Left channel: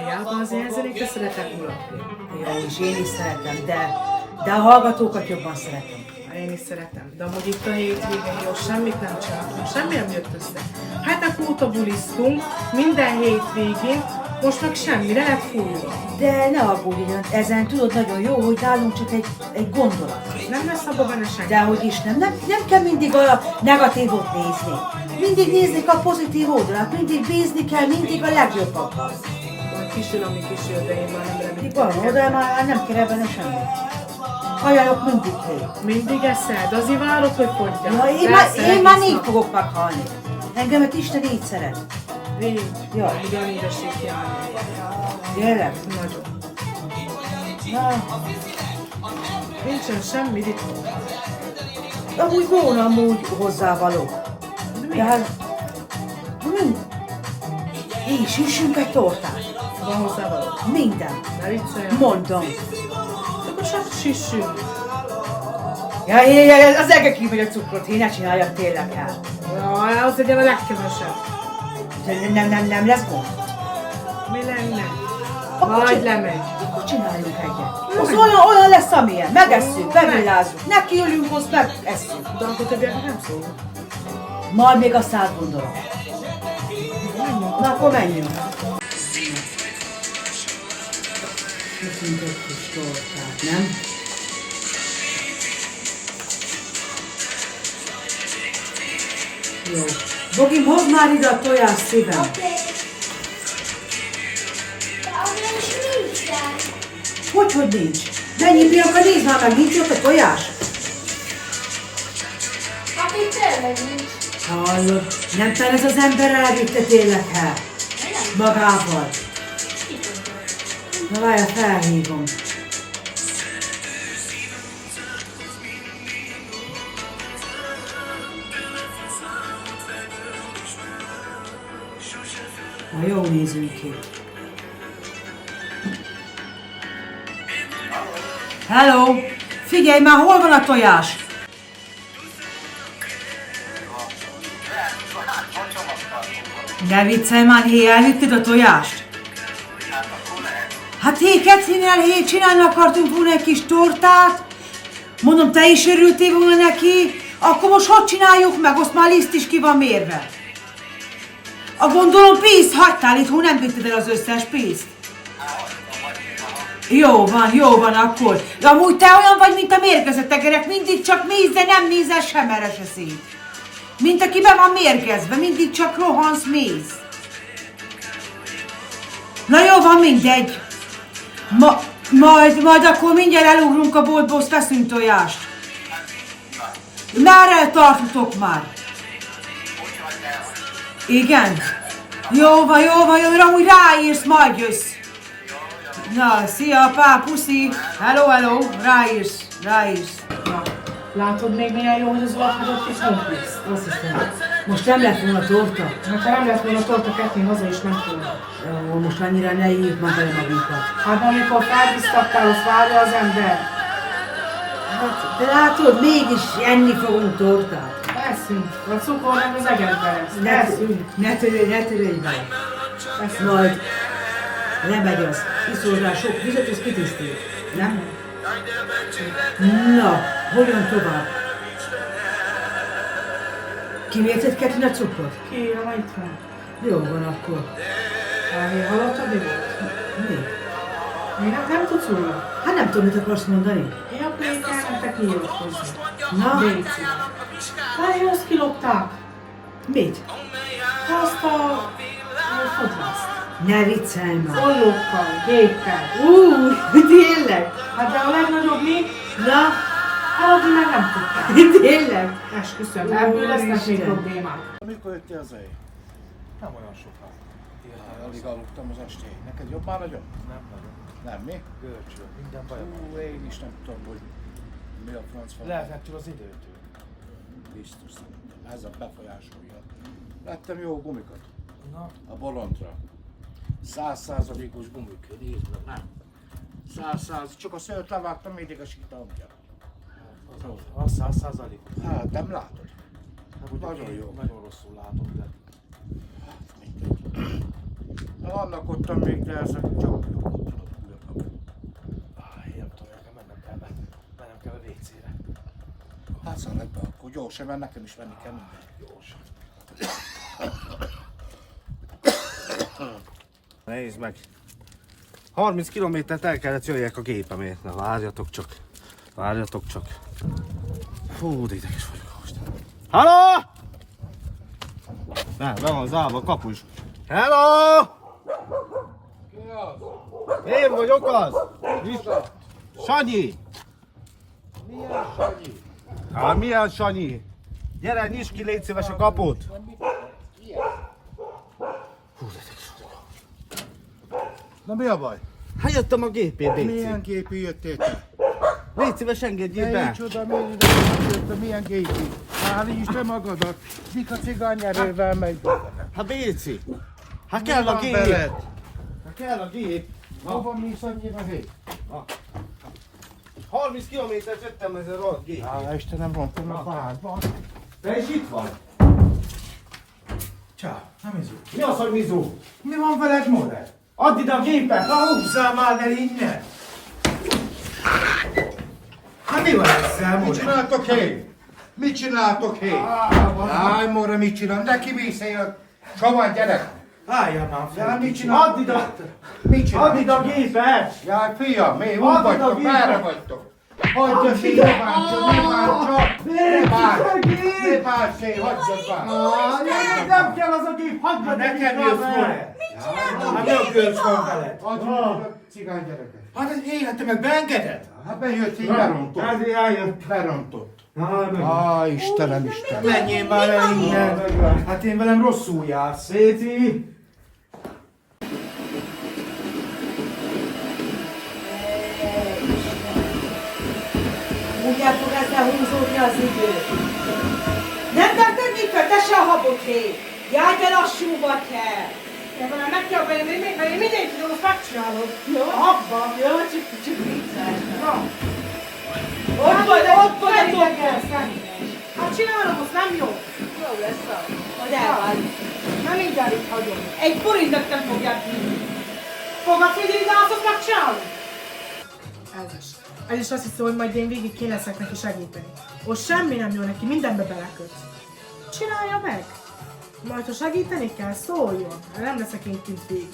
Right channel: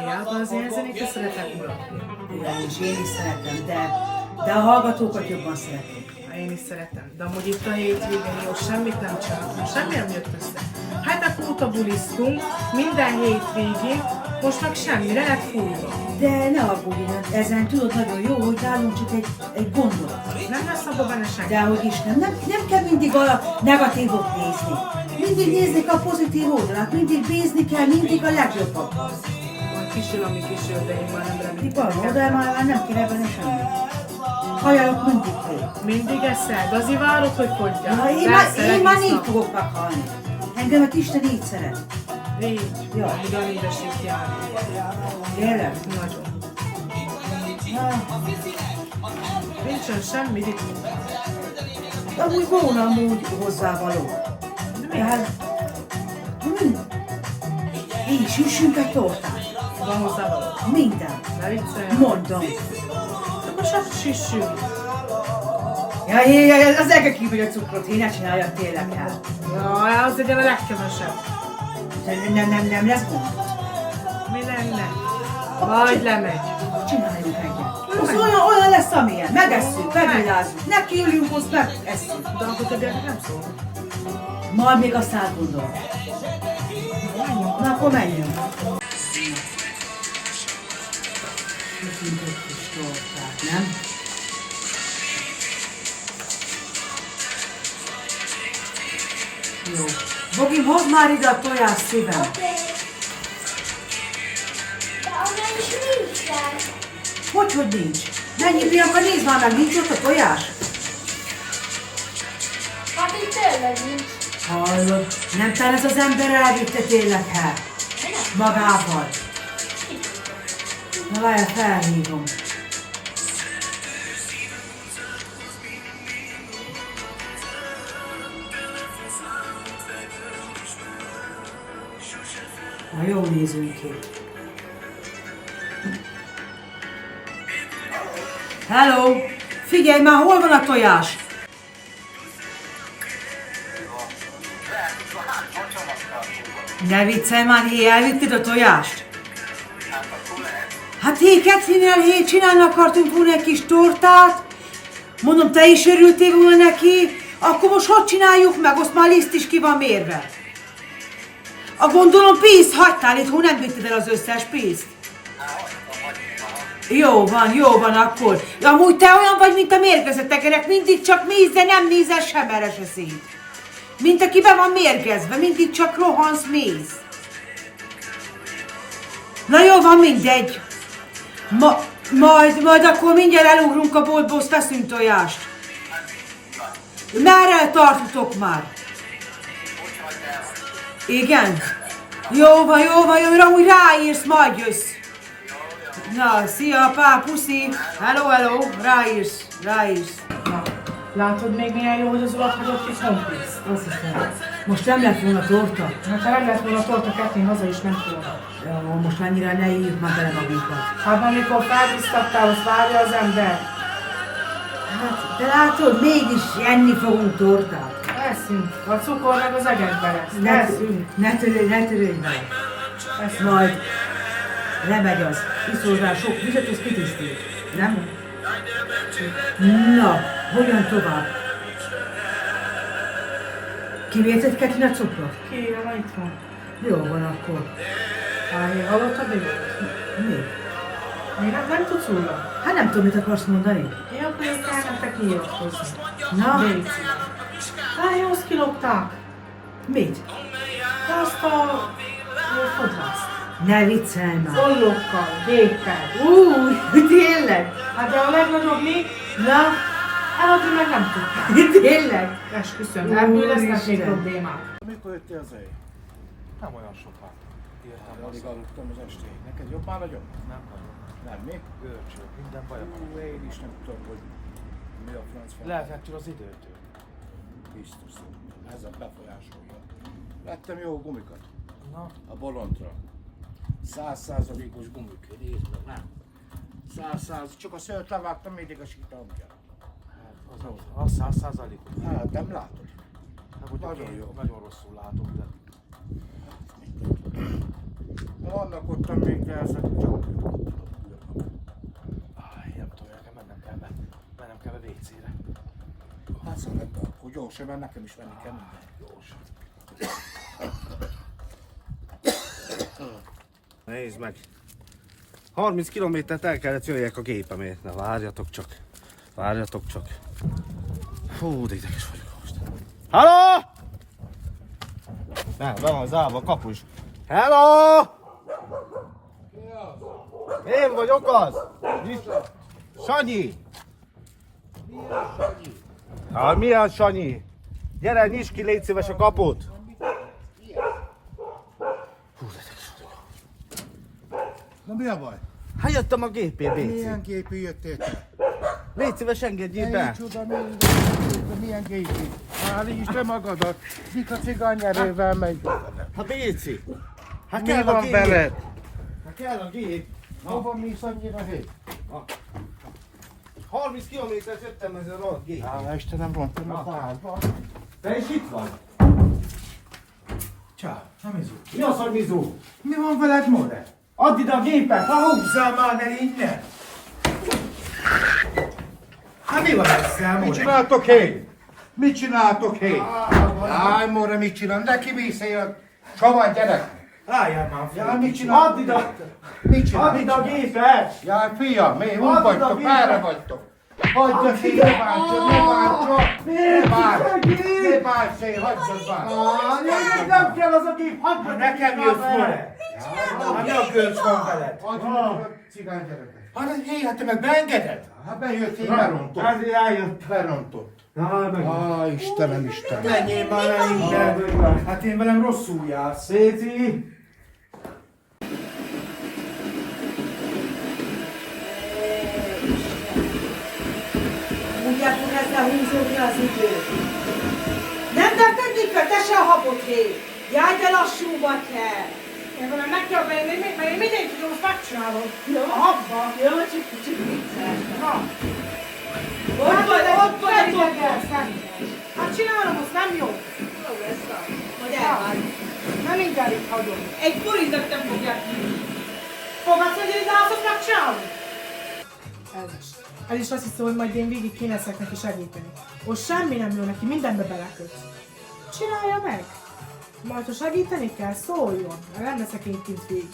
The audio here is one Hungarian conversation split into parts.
Hiába az ilyen zenéket szeretek mulatni. Ja, és én is szeretem, de a hallgatókat jobban szeretem. Én is szeretem, de amúgy itt a hétvégén jó, semmit nem csináltunk, semmi nem jött össze. Hát óta bulisztunk, minden hétvégén, most meg semmi, le lett fújva. De ne aggódj, ezen tudod nagyon jó, hogy nálunk csak egy gondolat. Nem lesz abban benne senki. Dehogy is nem kell mindig a negatívot nézni. Mindig nézni a pozitív oldalát, mindig bízni kell, mindig a legjobbakat. Majd kisül, ami kisül, de én már nem remélem. Van, de már nem kell ebben semmit. Ajánlok mindig hét. Mindig eszed, azért várod, hogy fogyjál. Ja, én már négy fogok meghalni. Engemet Isten így szeret. Négy. Jaj. Ugyan édesít járni. Tényleg? Nagyon. Na, Nincsen semmi ritkó. amúgy volna amúgy hozzávaló. De hát, így süssünk egy tortát. Van hozzávaló. Minden. Ne viccelj. Mondom. Akkor csak sissünk. Ja, az ege kimegy a cukrot, én ne csináljak tényleg el. Jaj, az legyen a legkevesebb. Nem lesz gond. Mi lenne? Majd lemegy. Akkor csináljunk egyet. Az olyan lesz, amilyen. Megesszük, megvilázzuk. Nekiülünk, azt megesszük. De akkor többiek nem szól. Majd még azt átgondolom. Menjünk. Na, akkor menjünk. Köszönjük egy kis tortát, nem? Jó. Bogim, hozd már ide a tojás szívem. Hogy nincs? Mennyi Bianca, nézd már meg, nincs ott a tojás? Hát itt tényleg nincs. Hallod, nem talán ez az ember elvitte tényleg el? Magával. Na várjál, felhívom. Na, jól nézünk ki. Hello! Figyelj már, hol van a tojás? Ne viccelj már, hé, elvitted a tojást? Hát hé, Kecinél, hé, csinálni akartunk volna egy kis tortát. Mondom, te is örültél volna neki. Akkor most hogy csináljuk meg? Azt már liszt is ki van mérve. A gondolom pénzt hagytál itt, nem vitted el az összes pénzt. Jó van akkor. Amúgy te olyan vagy, mint a mérgezett tekerek, mindig csak mész, de nem nézel sem erre se szét. Mint aki be van mérgezve, mindig csak rohansz, mész. Na jó, van, mindegy. Majd akkor mindjárt elugrunk a boltból, azt veszünk tojást. Merre tartotok már? Igen? Jó van, úgy ráírsz, majd jössz. Na, szia, apá, puszi. Hello, ráírsz. Látod még milyen jó, hogy az urat hagyott is honpészt? Azt hiszem. Most nem lett volna torta? Hát ha nem lett volna torta, Kettin haza is ment volna. Jó, most annyira ne írjuk már bele magunkat. Hát amikor felbiztattál, azt várja az ember. Hát, de látod, mégis enni fogunk tortát. Eszünk. A cukor meg az egekbe lesz. Eszünk. Ne törődj vele. Majd lemegy az. Iszol rá sok vizet, az kitisztít. Nem? Na, hogyan tovább? Kivérted Ketin a cukrot? Kiírom, itt van. Jó van akkor. Hallottad mi volt? Mi? Még nem tudsz róla? Hát nem tudom, mit akarsz mondani. Én akkor ezt már nem te kiíratkozni. Na? Légy szíves. Azt kilopták. Mit? De azt a fodrászt. Ne viccelj már. Ollókkal, géppel. Tényleg? Hát de a legnagyobb még, Na, eladni meg nem tudták. tényleg? Esküszöm, ebből lesznek még problémák. Mikor jöttél az éj? Nem olyan soká. Értem Alig aludtam az estéig. Neked jobb már nagyon? Nem nagyon. Nem, mi? Görcsöl, minden bajom van. Én is nem tudom, hogy mi a franc van. Lehetett az időtől. Biztos. Ez a befolyásolja. Vettem jó gumikat. Na, A bolondra. 100%-os gumik. Nézd meg, nem? 100%, csak a szőrt levágtam, mindig a sítamja. az 100%-os. Hát, nem látod? Hát ugye Nagyon én jó. nagyon rosszul látom, de Annak ottan még, de ezek csak... Nem tudom, nekem mennem kell be WC-re. Hát szaladj be, akkor gyorsan, mert nekem is venni kell minden. Gyorsan. Nézd meg! 30 kilométert el kellett jöjjek a gépemért. Na várjatok csak. Várjatok csak. Fú, de ideges vagyok most. Halló! Nem, be van zárva a kapus. Hello! Én vagyok az! Sanyi! Milyen Sanyi? Hát milyen Sanyi? Gyere, nyisd ki, légy szíves a kaput! Hú, de ideges vagyok. Na mi a baj? Hát jöttem a gépért, Béci. Milyen gépi jöttél te? Légy szíves, engedjél Ne be! micsoda, milyen gépi? Állítsd be magadat! Mik a cigányerővel megy? Hát Béci! Hát kell a gép! Hát kell a gép! Hova mész annyira hét? 30 kilométert jöttem ezzel a gép. Hála Istenem, rontom a házban. Te is itt vagy? Csá, nem izú. Mi az, hogy Mizu? Mi van veled, More? Add ide a gépet! Húzzál már el innen! Hát mi van ezzel, Mit More? csináltok hé? Mit csináltok hé? Jaj, Móra, mit csinál? Neki mészél a csavar gyerek! Álljál már Jaj, fel. mit csinál? Add ide! Mit csinál? Add ide a gépet! Jaj, fiam, mi? Add Hol ide a vagytok? gépet! Merre vagytok? Hagyd a szél, ne bántsad, ne bántsad! Ne bántsd! Ne bántsd szél, hagyd bántsd! Nem kell az a gép, hagyd meg! Nekem jössz, More. Hát mi a gölcs van veled? Adj a cigány gyerekek! Hát ez élete meg beengeded? Hát bejött, így berontott. Ezért eljött. Berontott. Na, Istenem, Istenem! Menjél már el innen! Hát én velem rosszul jársz. Béci! Úgy el fog ezzel húzódni az idő. Nem tetted nyitve, te se a habot hé. Járj be lassú vagy kell. Ja, velem meg kell venni, mert én mindig tudom, azt megcsinálom. Jó? Abba. Jó, csak vicces. Na, Ott vagy a idegen. Hát csinálom, azt nem jó. Jó lesz a. Hogy elvágy. Nem mindjárt itt hagyom. Egy forintot nem fogják vinni. Fogadsz, hogy én azt megcsinálom? Ez is azt hiszem, hogy majd én végig kéne leszek neki segíteni. Ott semmi nem jó neki, mindenbe beleköt. Csinálja meg! Majd ha segíteni kell, szóljon, mert nem leszek én kint végig.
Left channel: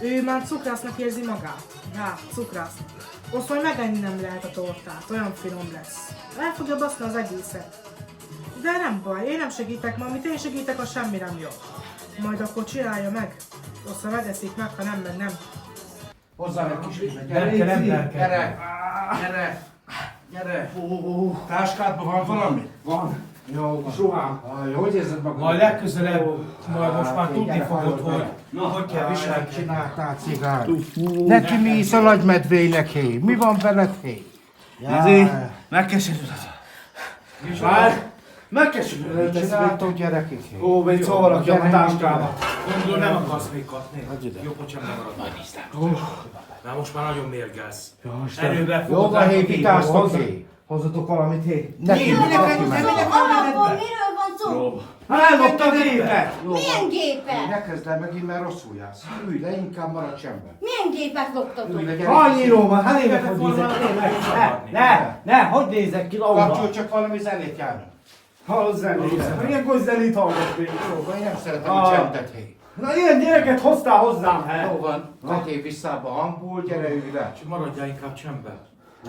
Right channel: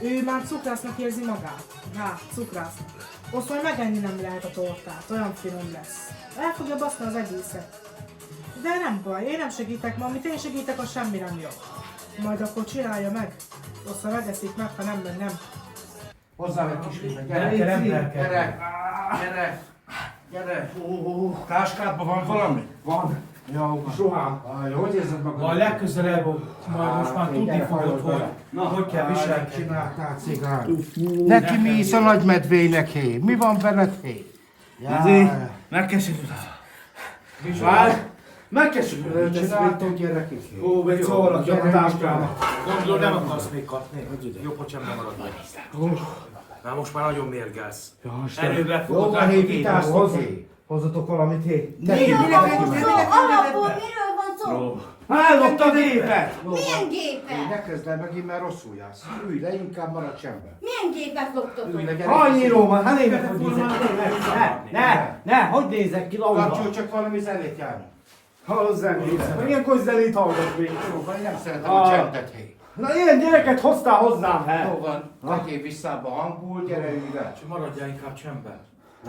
Ő már cukrásznak érzi magát. Hát, cukrásznak. Azt majd megenni nem lehet a tortát, olyan finom lesz. El fogja baszni az egészet. De nem baj, én nem segítek, ma amit én segítek, az semmi nem jó. Majd akkor csinálja meg. Azt ha megeszik meg, ha nem, meg nem. Hozzám egy kis vizet, Gyere, gyere! nem kell. Gyere! Gyere! Gyere! Táskádban van valami? Van. Jó, Ruhám. hogy érzed magad? Majd legközelebb, majd most már tudni fogod, hogy kell Mit viselkedni. csináltál, cigány? Neki mi is a nagymedvének, hé? Mi van veled, hé? Megkeserülöd. Várj! Megkeserülöd. Mit csináltok, gyerekek? hé? Ó, még szó valaki a táskába. Gondolom nem akarsz még kapni. Jobb, hogy sem maradj. Na most már nagyon mérgelsz. Erővel Jó, fogod van, rá hé, a képet. vitáztok, hé? Hozzatok valamit, hé. Neki Alapból miről van szó? Ellopta a gépet! Milyen gépet? Ne kezd el megint, mert rosszul jársz. Ülj le, inkább maradj csendben. Milyen gépet Ülj loptatok? le, gyere. Annyi ló van, hát nézek, hogy nézek ki. Ne, hogy nézek ki, Kapcsolj Laura? csak valami zenét járni. Hallod zenét. Ilyenkor zenét hallgat még. Jó van, én nem szeretem a csendet, hé. Na ilyen gyereket hoztál hozzám, he? Jó van, vegyél vissza a hangból, gyere, ülj le. Csak maradjál inkább csendben.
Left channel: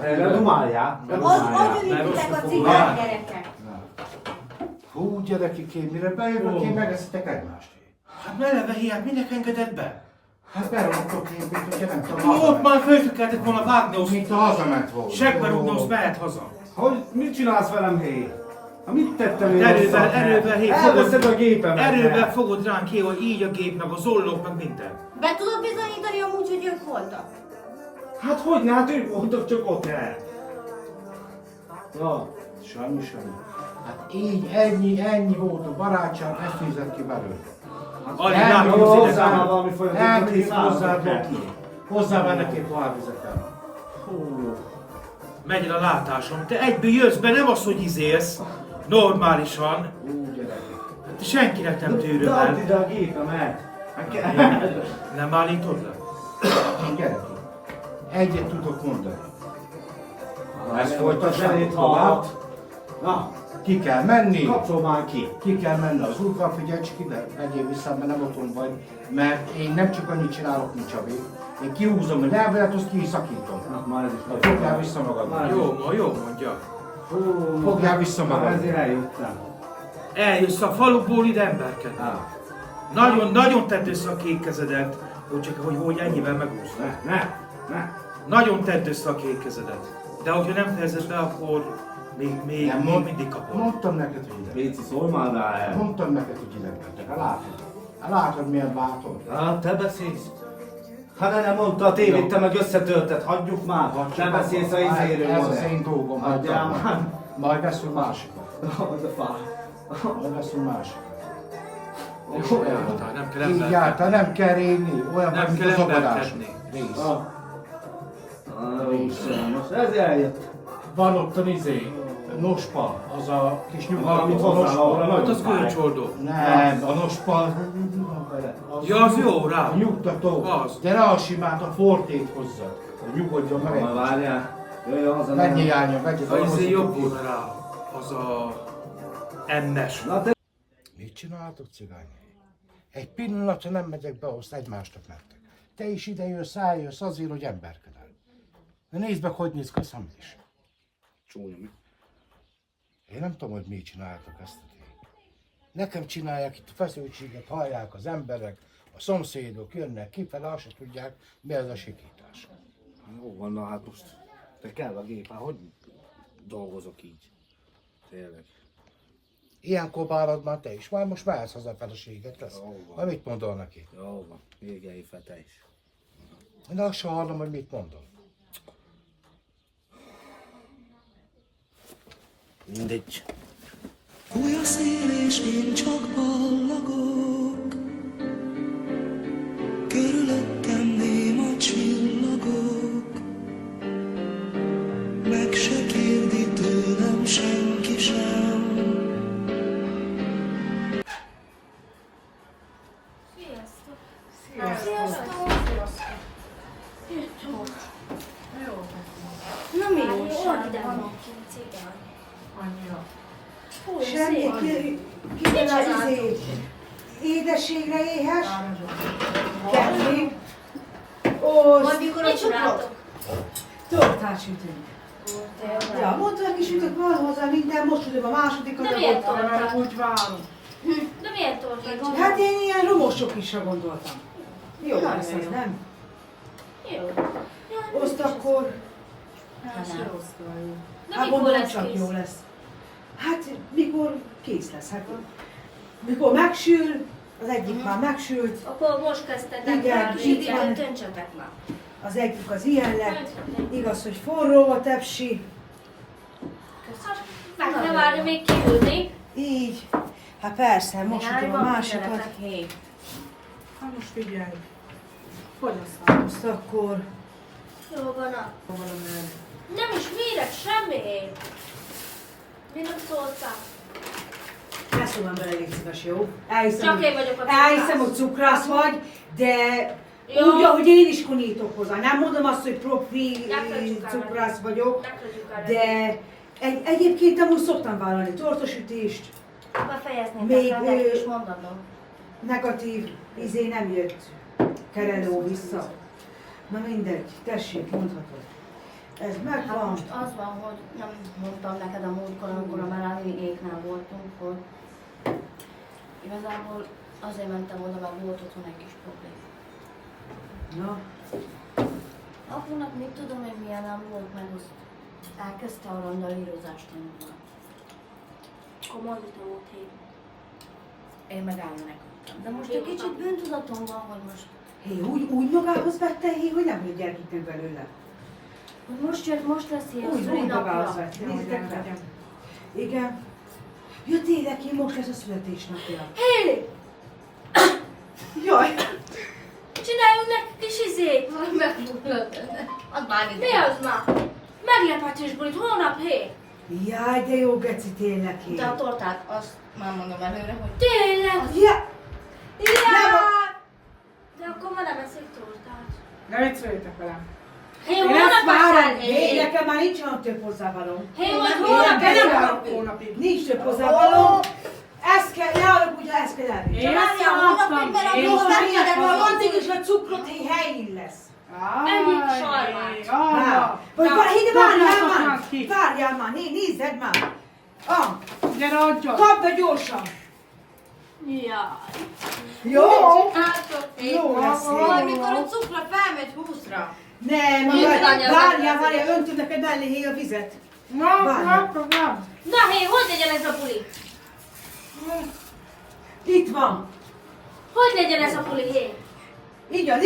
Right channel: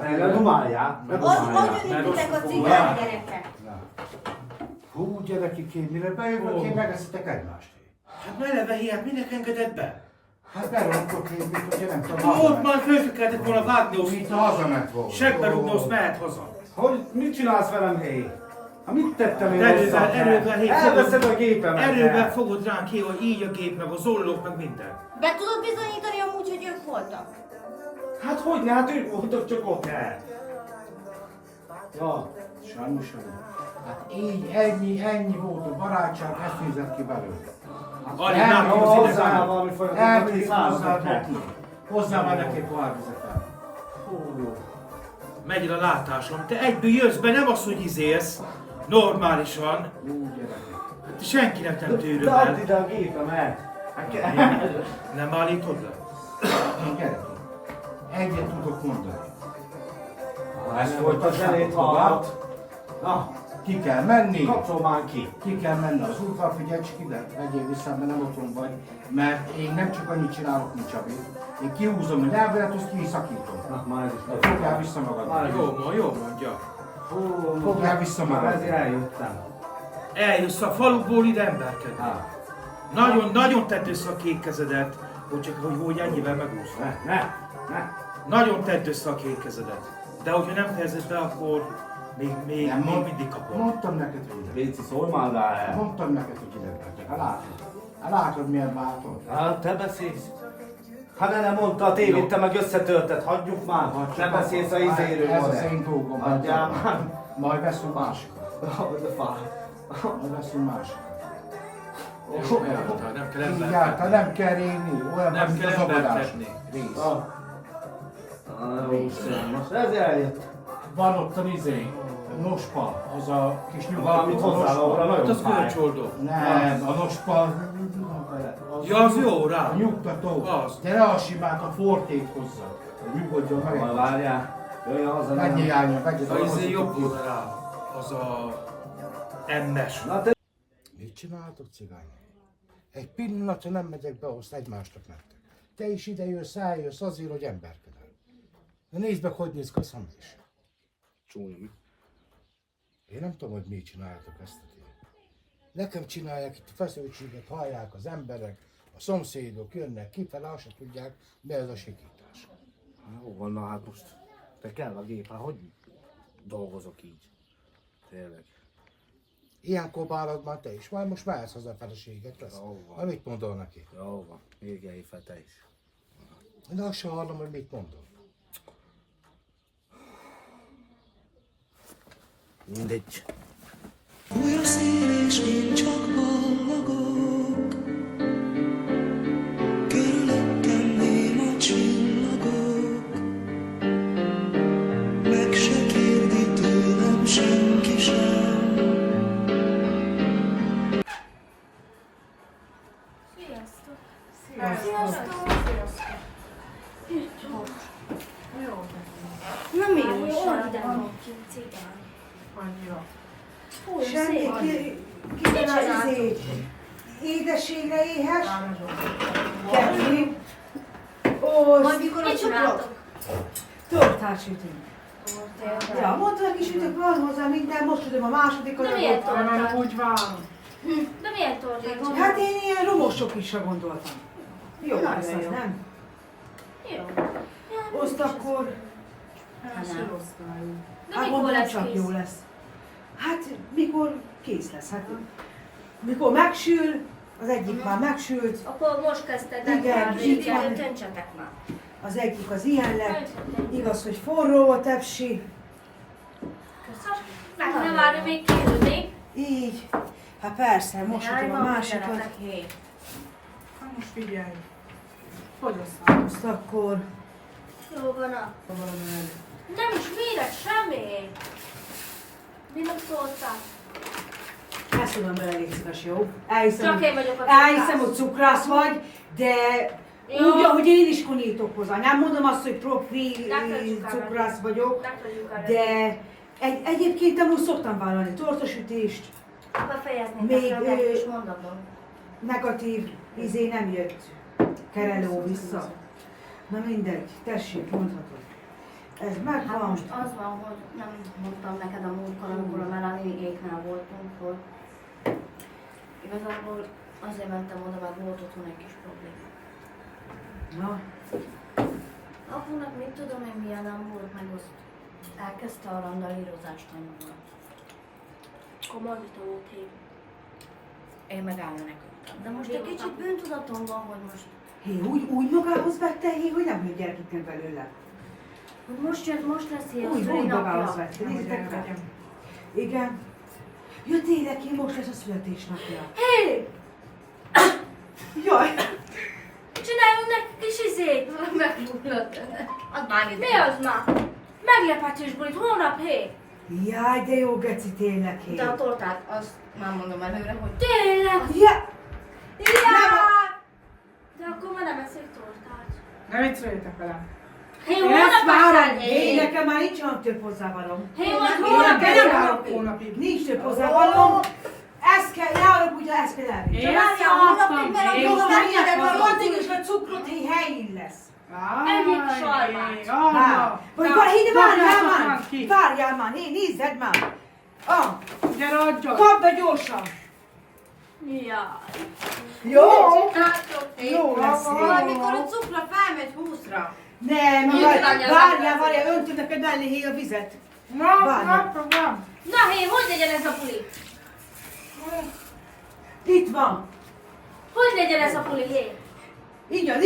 Ne dumáljál. Hogy ültetek a cigány gyerekek? Hú, gyerekek, én mire bejövök, én megeszitek egymást. Hát meleve hiány, minek engedett be? Hát berontok én, mint hogyha nem tudom. Ott már föl kellett volna vágni, azt Mint a hazament volna. segbe rúgni, azt mehet haza. Hogy mit csinálsz velem, hé? Hát mit tettem én Erővel, hé, elveszed a gépemet. Erővel fogod ránk ki, hogy így a gép, meg a zollók, meg minden. Be tudod bizonyítani amúgy, hogy ők voltak? Hát hogy ne? Hát ők voltak csak ott, he? Ja. Sajnos sem. Hát így, ennyi volt a barátság, ezt fizet ki belőle. Alig Nem, látom Jó, az hozzá idegány. valami folyamatot. Elkész hozzá, Doki. Hozzá már neki pohárvizet el. Megy a látásom. Te egyből jössz be, nem az, hogy izélsz. Normálisan. Jó, gyerekek. Hát senkinek nem tűröm De add el. ide a gépemet. Nem bánítod le? Gyere. Egyet tudok mondani. Ezt folytassátok tovább. Na, Ki kell menni. kapcsol már ki. Ki kell menni az úrral, figyelj csak ide, megyél vissza, mert nem otthon vagy. Mert én nem csak annyit csinálok, mint Csabi. Én kihúzom a nyelvelet, azt kiszakítom. Na, már ez is Fogjál vissza magad. Jó mondja. Fogjál vissza magad. Ezért eljöttem. Eljössz a faluból ide emberkedni. Nagyon tedd össze a két kezedet, hogy ennyivel megúszd. Ne. Nagyon tedd össze a két kezedet. De hogyha nem fejezed be, akkor még mindig kapod. Mondtam neked, hogy ide. Béci, szólj már rá el. Mondtam neked, hogy ide. Látod, milyen bátor. Hát te beszélsz. Hát nem mondta a tévét, te meg összetölted, hagyjuk már. Nem beszélsz a izéről. Ez az én dolgom. Hagyjál már. Majd veszünk másikat. Az a fá. Majd veszünk másikat. Nem kell Egyáltalán nem kell régni. Olyan, Nem mint kell az agadás. emberkedni. Rész. Most ez eljött. Van ott a nospa, az a kis Valamit nyugodó hozzá, ahol nospa. Hát az nagyon fáj. kölcsoldó. Nem, a nospa. Ja, az jó rá. A nyugtató. Az. De ne a simát, a fortét hozza. Hogy nyugodjon meg Majd egy. várjál. Jöjjön haza. Menjél Jánya, vegyed A izé hozzá jobb tudjuk. volna rá. Az a... MS. Na te... Mit csináltok, cigány? Egy pillanatra nem megyek be, azt egymásnak mentek. Te is ide jössz, eljössz azért, hogy emberkedel. De nézd meg, hogy néz ki a szemed is. Csúnya mi? Én nem tudom, hogy mit csináltok ezt a tényt. Nekem csinálják itt a feszültséget, hallják az emberek, a szomszédok jönnek kifele, azt se tudják, mi ez a sikítás. Jó van, na hát most. Te kell a gép, hát hogy dolgozok így? Tényleg. Ilyenkor bárad már te is, majd most mehetsz haza a feleséget lesz. Jó van. Majd mit mondol neki? Jó van, égelj fel te is. Én azt sem hallom, hogy mit mondol. Mindegy. Fúj a szél és én csak ballagok, körülöttem néma csillagok, meg se kérdi tőlem senki sem. Na mi újság van? Annyira. Semmi, ki az izé. Édességre éhes? Kettő. Majd mikor ott csináltok? Tortát sütünk. Ja, mondta, hogy sütök, van hozzá minden, most sütöm a másodikat. De miért tortát? Úgy várom. De miért tortát? Hát én ilyen romosok isra gondoltam. Jó lesz az, nem? Jó. Azt akkor, Hát se rossz várom. De hát mikor mondom, lesz csak kész? jó lesz. Hát mikor kész lesz, hát mikor megsül, az egyik már megsült, Akkor most kezdtetek Igen, már, így van. döntsetek már. az egyik az ilyen lett. Igaz, hogy forró a tepsi, Meg ne várj még kiülni. így. Hát persze, most sütöm a másikat. Hát most figyelj. Hogy aztán? Azt akkor, Jó van a... Nem is mérek semmi. Mi nem szóltál? ne szólom bele, légy szíves, jó? Elhiszem, Csak én vagyok a elhiszem, cukrász. hogy cukrász vagy, de Jó. úgy, ahogy én is konítok hozzá. Nem mondom azt, hogy profi Ne felejtsük el. cukrász vagyok, Meghagyjuk arra. de egyébként amúgy szoktam vállalni tortasütést, Befejezni Még, nektek ő- és mondatom. negatív izé nem jött kerelő vissza. Na mindegy, tessék, mondhatod. Ez Hát megvan. most az van, hogy nem mondtam neked a múltkor, amikor a Melanie-éknál voltunk, hogy igazából azért mentem oda, mert volt otthon egy kis probléma. Na, Apunak mit tudom én milyen nem volt, meg azt elkezdte a randalírozást tanulni. Komoly vita volt hét. Én meg elmenekültem. De most egy kicsit bűntudatom van, hogy most hé, úgy magához vette, hé, hogy nem jött gyerkőkül belőle. hogy most lesz ilyen Úgy magához szülinapja. vette, nézzétek meg. Igen. Ja tényleg, én most lesz a születésnapja. Hé! Jaj, Csináljunk neki kis izét! Megmutat. Az már mi az már? Meglepetés bulit, holnap hé! jaj, de jó geci tényleg, hé. De a tortát, azt már mondom előre, hogy tényleg! Ja, Ja! Ne vicceljetek velem. Hé, Én hónap ezt várom. Én nekem már nincs olyan több hozzávalom. Hé, majd Én hónap nem várok hónapig. Nincs több hozzávalom. Ezt kell, ne arra, ugye ezt kell elvinni. Én ezt láttam. Én Most most megkérdem, hogy addig is a cukrot, hogy helyén lesz. Egyik sarmát. Vagy várjál már, nézzed már. Gyere, adjad. Kapd be gyorsan. Jaj. Jó? Jó lesz. Mikor a cukra felmegy 20-ra. Nem, Nincs anya, várjál, öntök neked mellé a vizet. Nem. Na hé, hogy legyen ez a puli? Itt van. Hogy legyen ez a puli, hé? Így adj.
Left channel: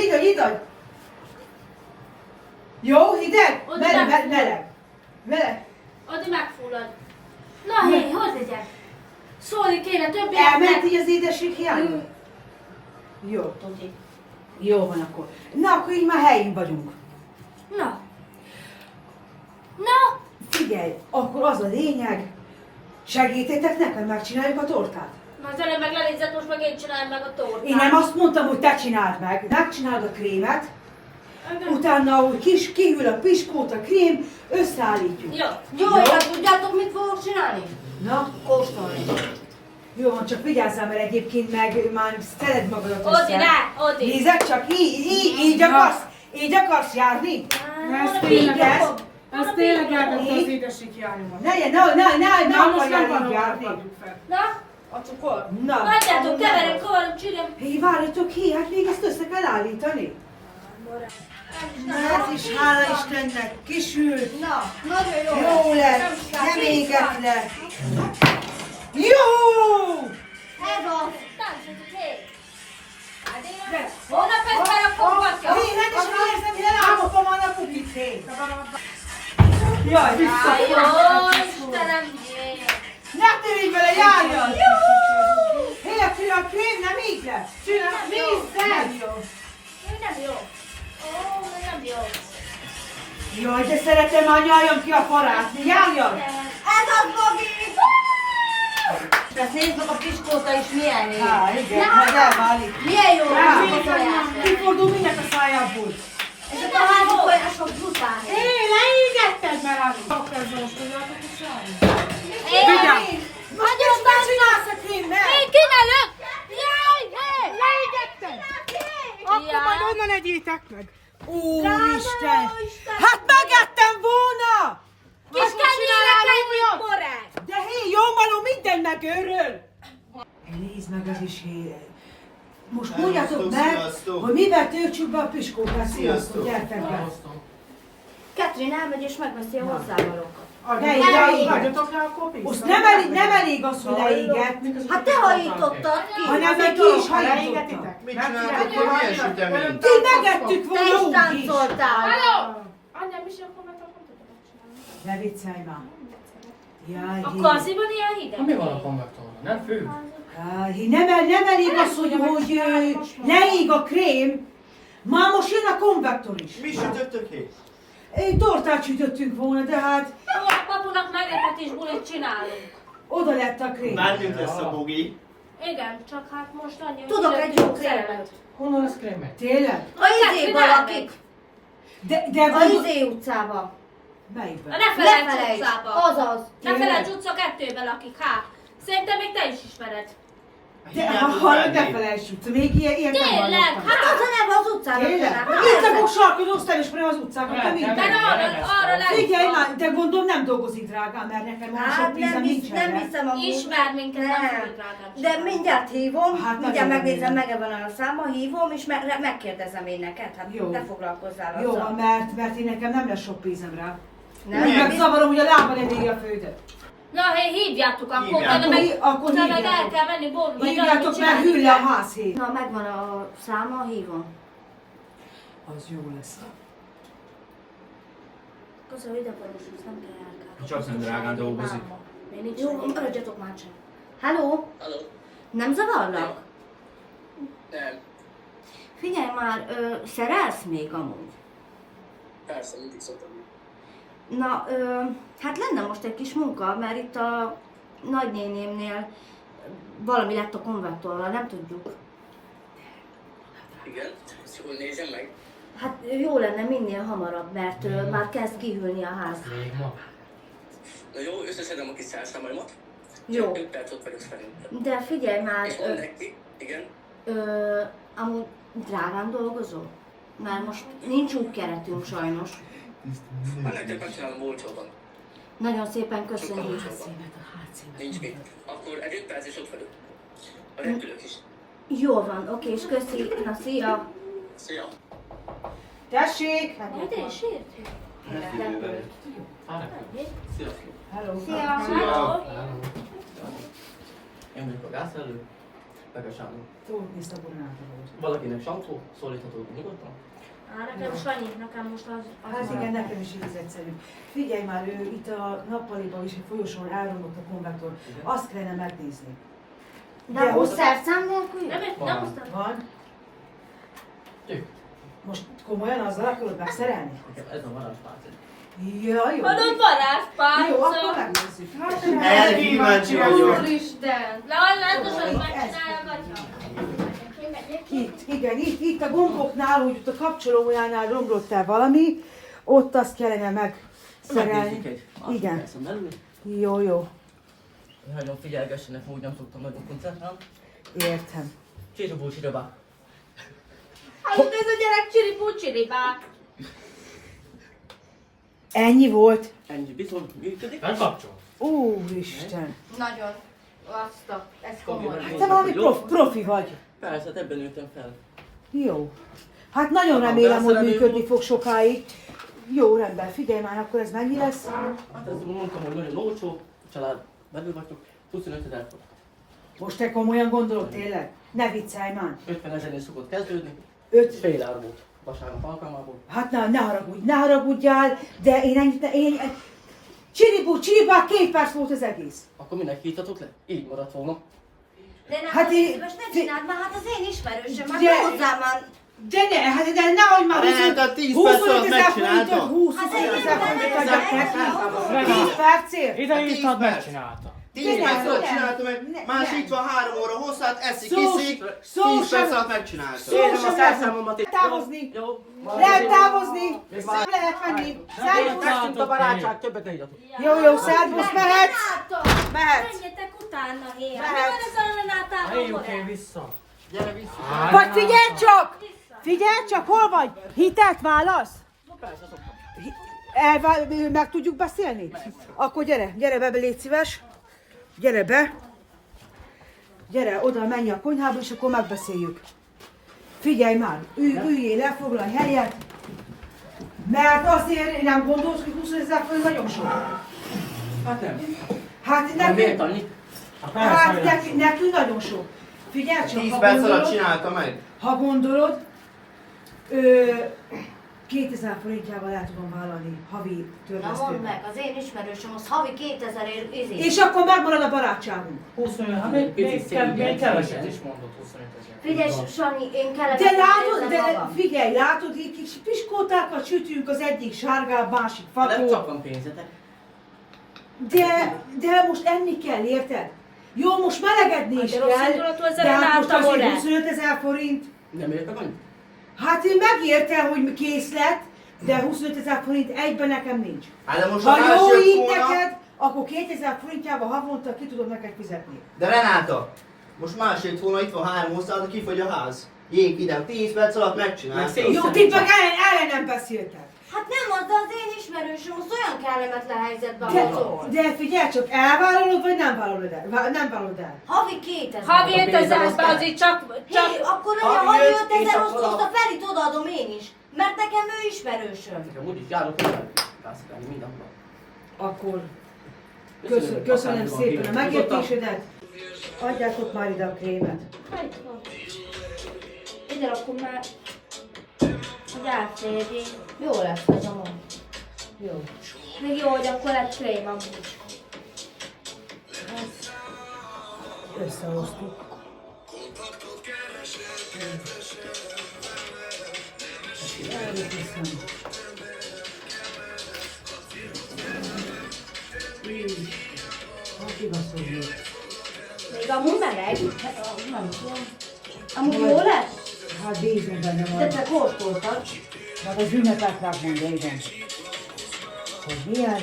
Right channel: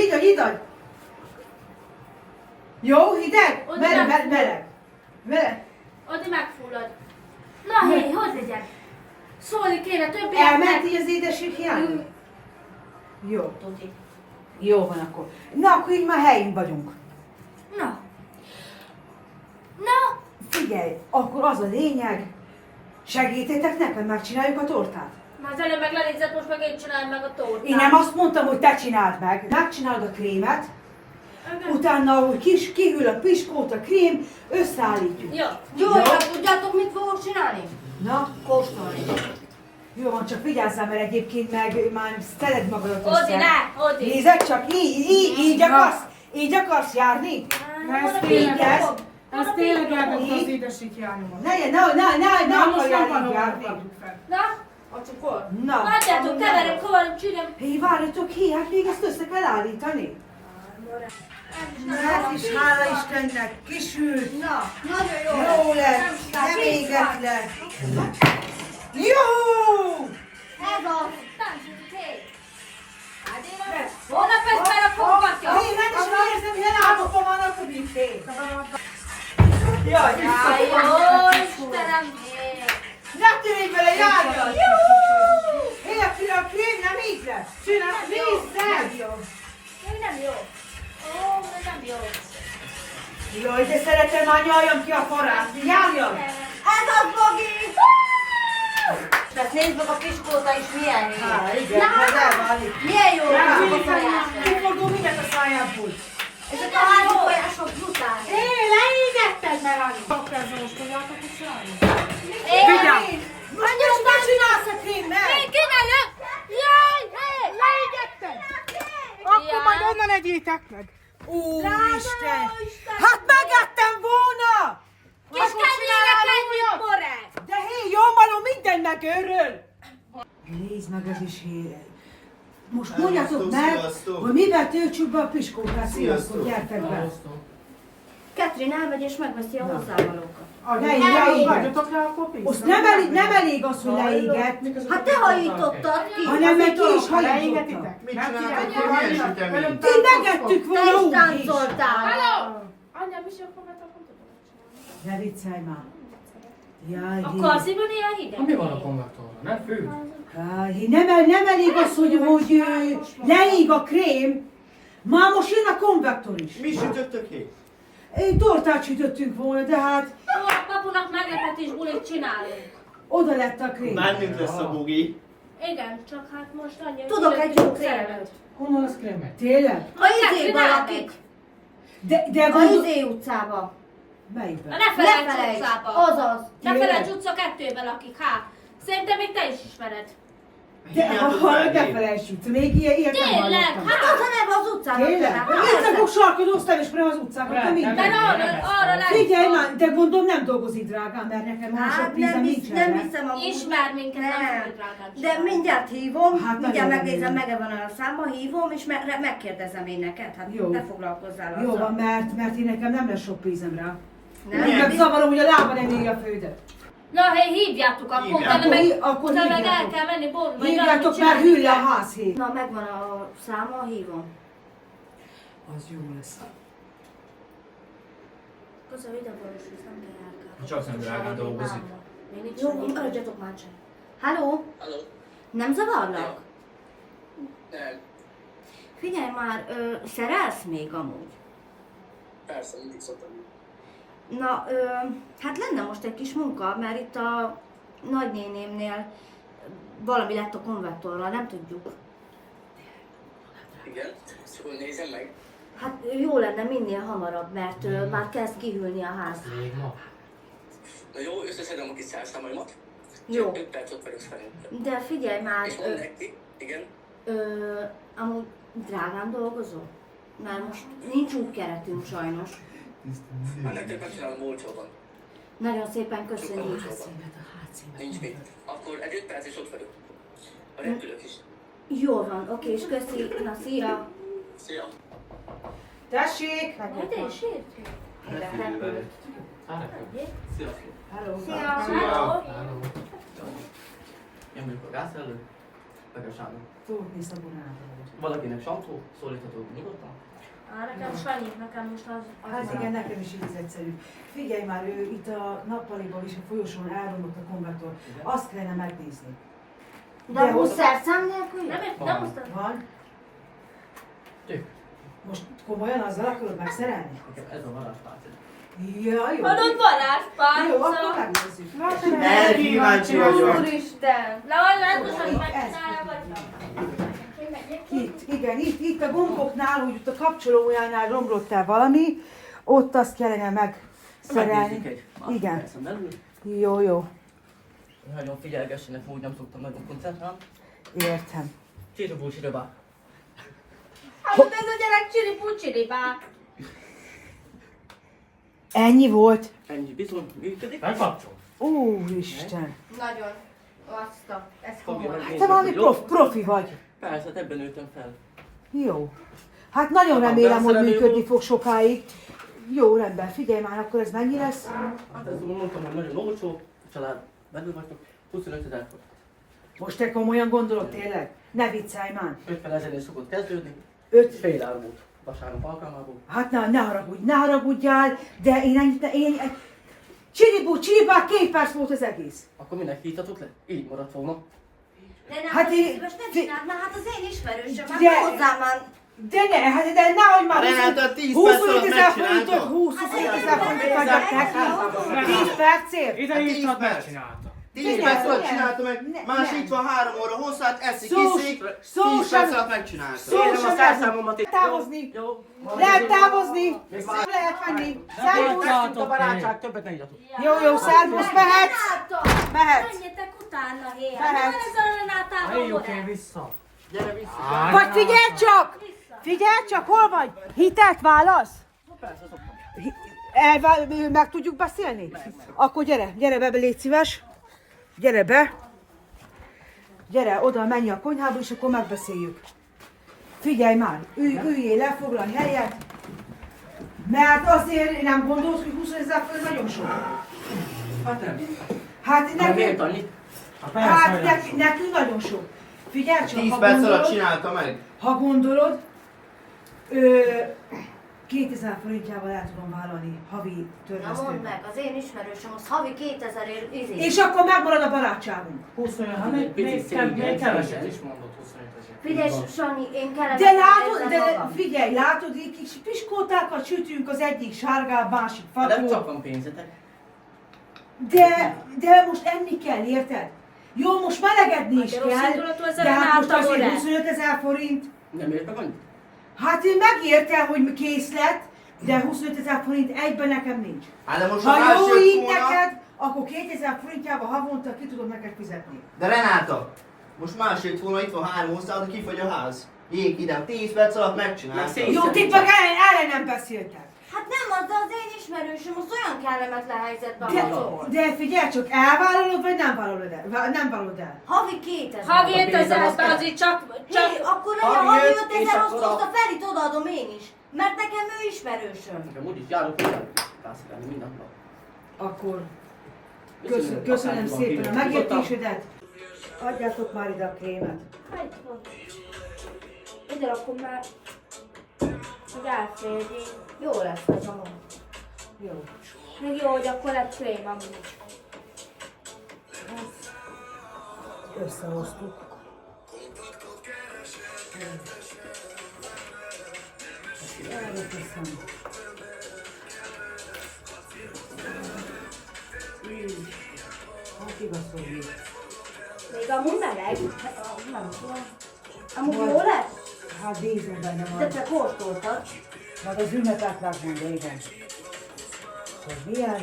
Jó, hideg? Ott Meleg. Addig megfullad. Na hé, hogy legyen? Szólni kéne több Elment így az édesség hiány? Jó. Tuti. Jó van akkor. Na, akkor így már helyén vagyunk. Na. Figyelj, akkor az a lényeg, segítétek nekem, megcsináljuk a tortát. Na az előbb meg lenézett, most meg én csinálom meg a tortát. Én nem azt mondtam, hogy te csináld meg. Megcsinálod a krémet, utána, hogy kihűl a piskót, a krém, összeállítjuk. Jó, tudjátok, mit fogok csinálni? Na, Kóstolni. jó van, csak vigyázzál, mert egyébként meg már szeded magadat Odi, ne, Odi. Nézd, csak így akarsz járni? Ez tényleg elvette az édesség hiányomat. Ne Most nem akarjál így valóban járni. rakjuk fel. Na, a cukor. Na. Hagyjátok, keverem, kovalom, csinálom. Hé, várjatok ki, hát még ezt össze kell állítani. Na, ez is hála Istennek, kisült. Na, nagyon jó. Jó lesz, nem égett le. Jó! Ez a táncot, hé. Holnap ezt berakom, Katya. Hé, rendesen érzem, hogy elállapom a napot hé. Jaj, Jó, Istenem, hé. ne törődj vele, járjad! Hé, a krém nem így lesz. Nézzed! Még nem jó. Ó, még nem jó. Jaj, de szeretem, már nyaljam ki a farát. Járjad! Ez a Bogi! Ezt nézd meg a piskóta is milyen jó. Igen, majd elválik. Milyen jó a tojás. Kifordul mindent a szájádból. Ezek a házi tojások brutál. Leégetted, mert az ezzel most tudjátok is csinálni. Vigyázz! Most mit csinálsz a krémmel? Én kinelök! Jaj! Leégetted! Akkor majd onnan egyétek meg. Úristen! Hát megettem volna! Kis kenyérek együtt, moreg! De hé, jó malom, minden megőrül! Nézd meg, ez is hé. Most mondjátok meg, hogy mivel töltsük be a piskókát. Sziasztok, gyertek be! Katrin elmegy és megveszi a hozzávalókat. Hagyjatok rá a kopit. Most nem elég az, hogy leégett, Hát te hajítottad ki! hanem meg ki is hajította. Leégetitek? Mit csináltok, hogy milyen sütemény? Ti megettük Te volna is úgy is. táncoltál! Anyám is akkor meg tudom csinálni. Ne viccelj már. Jaj, A hé. karziban ilyen hideg? Mi van a konvektorban? Nem fű? Jaj, hé, nem elég az, hogy leég a krém, már most jön a konvektor is. Mi sütöttök ki? Egy tortát sütöttünk volna, de hát Papunak meglepetés bulit csinálunk. oda lett a krém. Bármit lesz a bugi. Igen, csak hát most annyi... Tudok egy jó krémet. Honnan lesz krémet? Tényleg? A izéba lakik. De A gondol... izé utcába. Melyikben? A ne felejts utcába. Azaz. Ne Tényleg? felejts utca 2-ben lakik, hát. Szerintem még te is ismered. De ha ne felejtsük, még ilyet nem Tényleg, hallottam. hát az a neve az utcának. Tényleg? Itt a fog sarkodóztam, és az utcákat, te minden. De arra lesz. Figyelj már, de gondolom nem dolgozik drágán, mert nekem olyan sok Hát vízem nincsen. nem rá. hiszem amúgy. Ismer minket, nem Nem. tudod drágán De csinálni. mindjárt hívom, Hát mindjárt nagyon megnézem, örülök. meg van a száma, hívom, és megkérdezem én neked. Hát Jó. ne foglalkozzál azzal. Jó van, mert én nekem nem lesz sok pénzem rá. Nem? Meg zavarom, hogy a lábban eléri a földet. Na, hé, hívjátok akkor, Hívjátok. utána meg, Akkor utána meg el hívjátok. kell menni boltba, vagy Hívjátok, valamit mert csinálni hűl le a kell. házhé. Na, megvan a száma, hívom. Az jó lesz. Köszönöm, ide boroshoz, nem kell elkálni. Csak nem drágán dolgozik. Még nincs Jó, meg. maradjatok már csak. Halló? Nem zavarlak? Nem, Figyelj már, szerelsz még amúgy? persze, mindig szoktam. Na, hát lenne most egy kis munka, mert itt a nagynénémnél valami lett a konvektorral, nem tudjuk. Igen, ezt jól nézem meg. Hát jó lenne minél hamarabb, mert már kezd kihűlni a ház. Na jó, összeszedem a kis szerszámaimat. Jó. 5 percot vagyok szerintem. De figyelj már, És mondd neki, igen. amúgy drágán dolgozol? Mert most nincs útkeretünk sajnos. Hát nektek megcsinálom olcsóban. Nagyon szépen köszönjük. Nincs mit. Akkor egy 5 perc és ott vagyok. A repülők is. Jól van, oké, és köszi. Na, szia! Szia! Tessék! Hát én sért. Szia! Szia! Én vagyok a gázszerelő, meg a Sándor. Fordni szabonátor. Valakinek Santó, szólítható nyugodtan? Nekem Sanyi, nekem most az... Hát igen, nekem is így egyszerű. Figyelj már, ő itt a nappaliban is a folyosón elromlott a konvektor. Azt kellene megnézni. De most szerszám nélkül? Nem hoztam. Van? Tök. Most komolyan azzal akarod megszerelni? Ez a varázspálca. Ja, jó. Adod varázspálca. Jó, akkor megnézzük. Elkíváncsi vagyok. Úristen! Látos, hogy megcsinálja, vagy... Itt, igen, itt a gomboknál, hogy ott a kapcsolójánál romlott el valami, ott azt kellene megszerelni. Megnézzük egy Igen. másodpercen belül. Jó, jó. Nagyon figyelgessenek, úgy nem tudtam nagyon koncentrálni. Értem. Csiribú, csiribá. Hát ez a gyerek csiripú-csiripá. Ennyi volt? Ennyi bizony működik. Úristen. Nagyon. Ez Fogja komoly. megnézni, Te valami hogy jó. profi vagy. Persze, hát ebben nőttem fel. Jó. Hát nagyon remélem, hogy működni fog sokáig. Jó, rendben. Figyelj már, akkor ez mennyi lesz? Hát ezt mondtam, hogy nagyon olcsó, a család belül vagytok, 25 000 forint. Most te komolyan gondolod tényleg? Ne viccelj már. 50 000-nél szokott kezdődni, 5. fél ár volt vasárnap alkalmából. Hát ne haragudjál, de én ennyit, csiribá, 2 perc volt az egész. Akkor minek hívtatok le? Így maradt volna. De nem, Hát én- most ne csináld már, hát az én ismerősöm, már De- ne hozzám már. De nehogy már Renáta, 10 perc 25 alatt 000 forintot, megcsinálta. 25 000 forintot adjak neki. 10 percért? Ide Hát írtad, 10 megcsinálta. 10 perc alatt csináltam meg, más itt van 3 óra hosszát, eszik, iszik, 10 perc alatt megcsináltam. Kérem a szerszámomat itt. Távozni. Jó. Lehet távozni. Nem lehet menni. Szervusz, a barátság, többet ne higyatok. Jó, szervusz, mehetsz. Mehetsz. Menjetek utána, hé! Mehetsz. Nem ez a Renátával vissza. Gyere vissza. Vagy figyelj csak, hol vagy? Hitelt válasz? Persze, szoktam. Meg tudjuk beszélni? Akkor gyere be, légy szíves. Gyere be. Gyere, oda menj a konyhába, és akkor megbeszéljük. Figyelj már, üljél le, foglalj helyet. Mert azért nem gondolsz, hogy 20 000 forint nagyon sok. Hát nem. Hát Nem miért nekünk, annyit? nekünk nagyon sok. Figyelj csak, 10 ha perc alatt gondolod, csinálta meg. ha gondolod, 2000 forintjával el tudom vállalni havi Na mondd törlesztőt. meg, az én ismerősöm az havi 2000 ér izé. És akkor megmarad a barátságunk. 25, még keveset is mondott 25 000. Figyelj, Sanyi, én kellemetlen De látod, érzem de magam. figyelj, látod, így kis piskótákat sütünk, az egyik sárgább, másik Nem fakó. csak van pénzetek. De most enni kell, érted? Jó, most melegedni is de rossz kell, indulatú ez a de hát most Renáta azért volt. 25 000 forint. Nem ért meg annyit? Hát én megértem, hogy készlet, de 25 000 forint egyben nekem nincs. Hát de most Ha más jó jött így volna- neked, akkor 2000 forintjával havonta ki tudom neked fizetni. De Renáta, most más jött volna, itt van 3 osztály, de kifogy a ház. Jég ide, 10 perc alatt megcsinálta. Jó, ti meg ellen nem beszéltek. Hát nem az, de az én ismerősöm az olyan kellemetlen helyzetben De, van. de figyelj csak, elvállalod vagy nem vállalod el? Nem vállalod el. Havi 2000. Havi A 5000, pénzem az így csak... Hé, akkor legyen Havi havi jött, és 5000, akkor azt a- a Ferit odaadom én is. Mert nekem ő ismerősöm. Nekem úgyis járok hozzá, kászkálni minden nap. Akkor Köszönöm, köszönöm akármi van, szépen a kívül. megértésedet. Adjátok már ide a krémet. Hát van. Ide rakom már, hogy átférjék. Jó lesz ez a mond. Jó. Még jó, hogy akkor lett krém amúgy. Összehoztuk. Erre köszönöm. Hát igaz, hogy jó. Még amúgy meleg. Nem tudom. Amúgy jó lesz? Hát bízom benne De van. te kóstoltad. Majd az ünnepet megmondja, igen. Hogy milyen,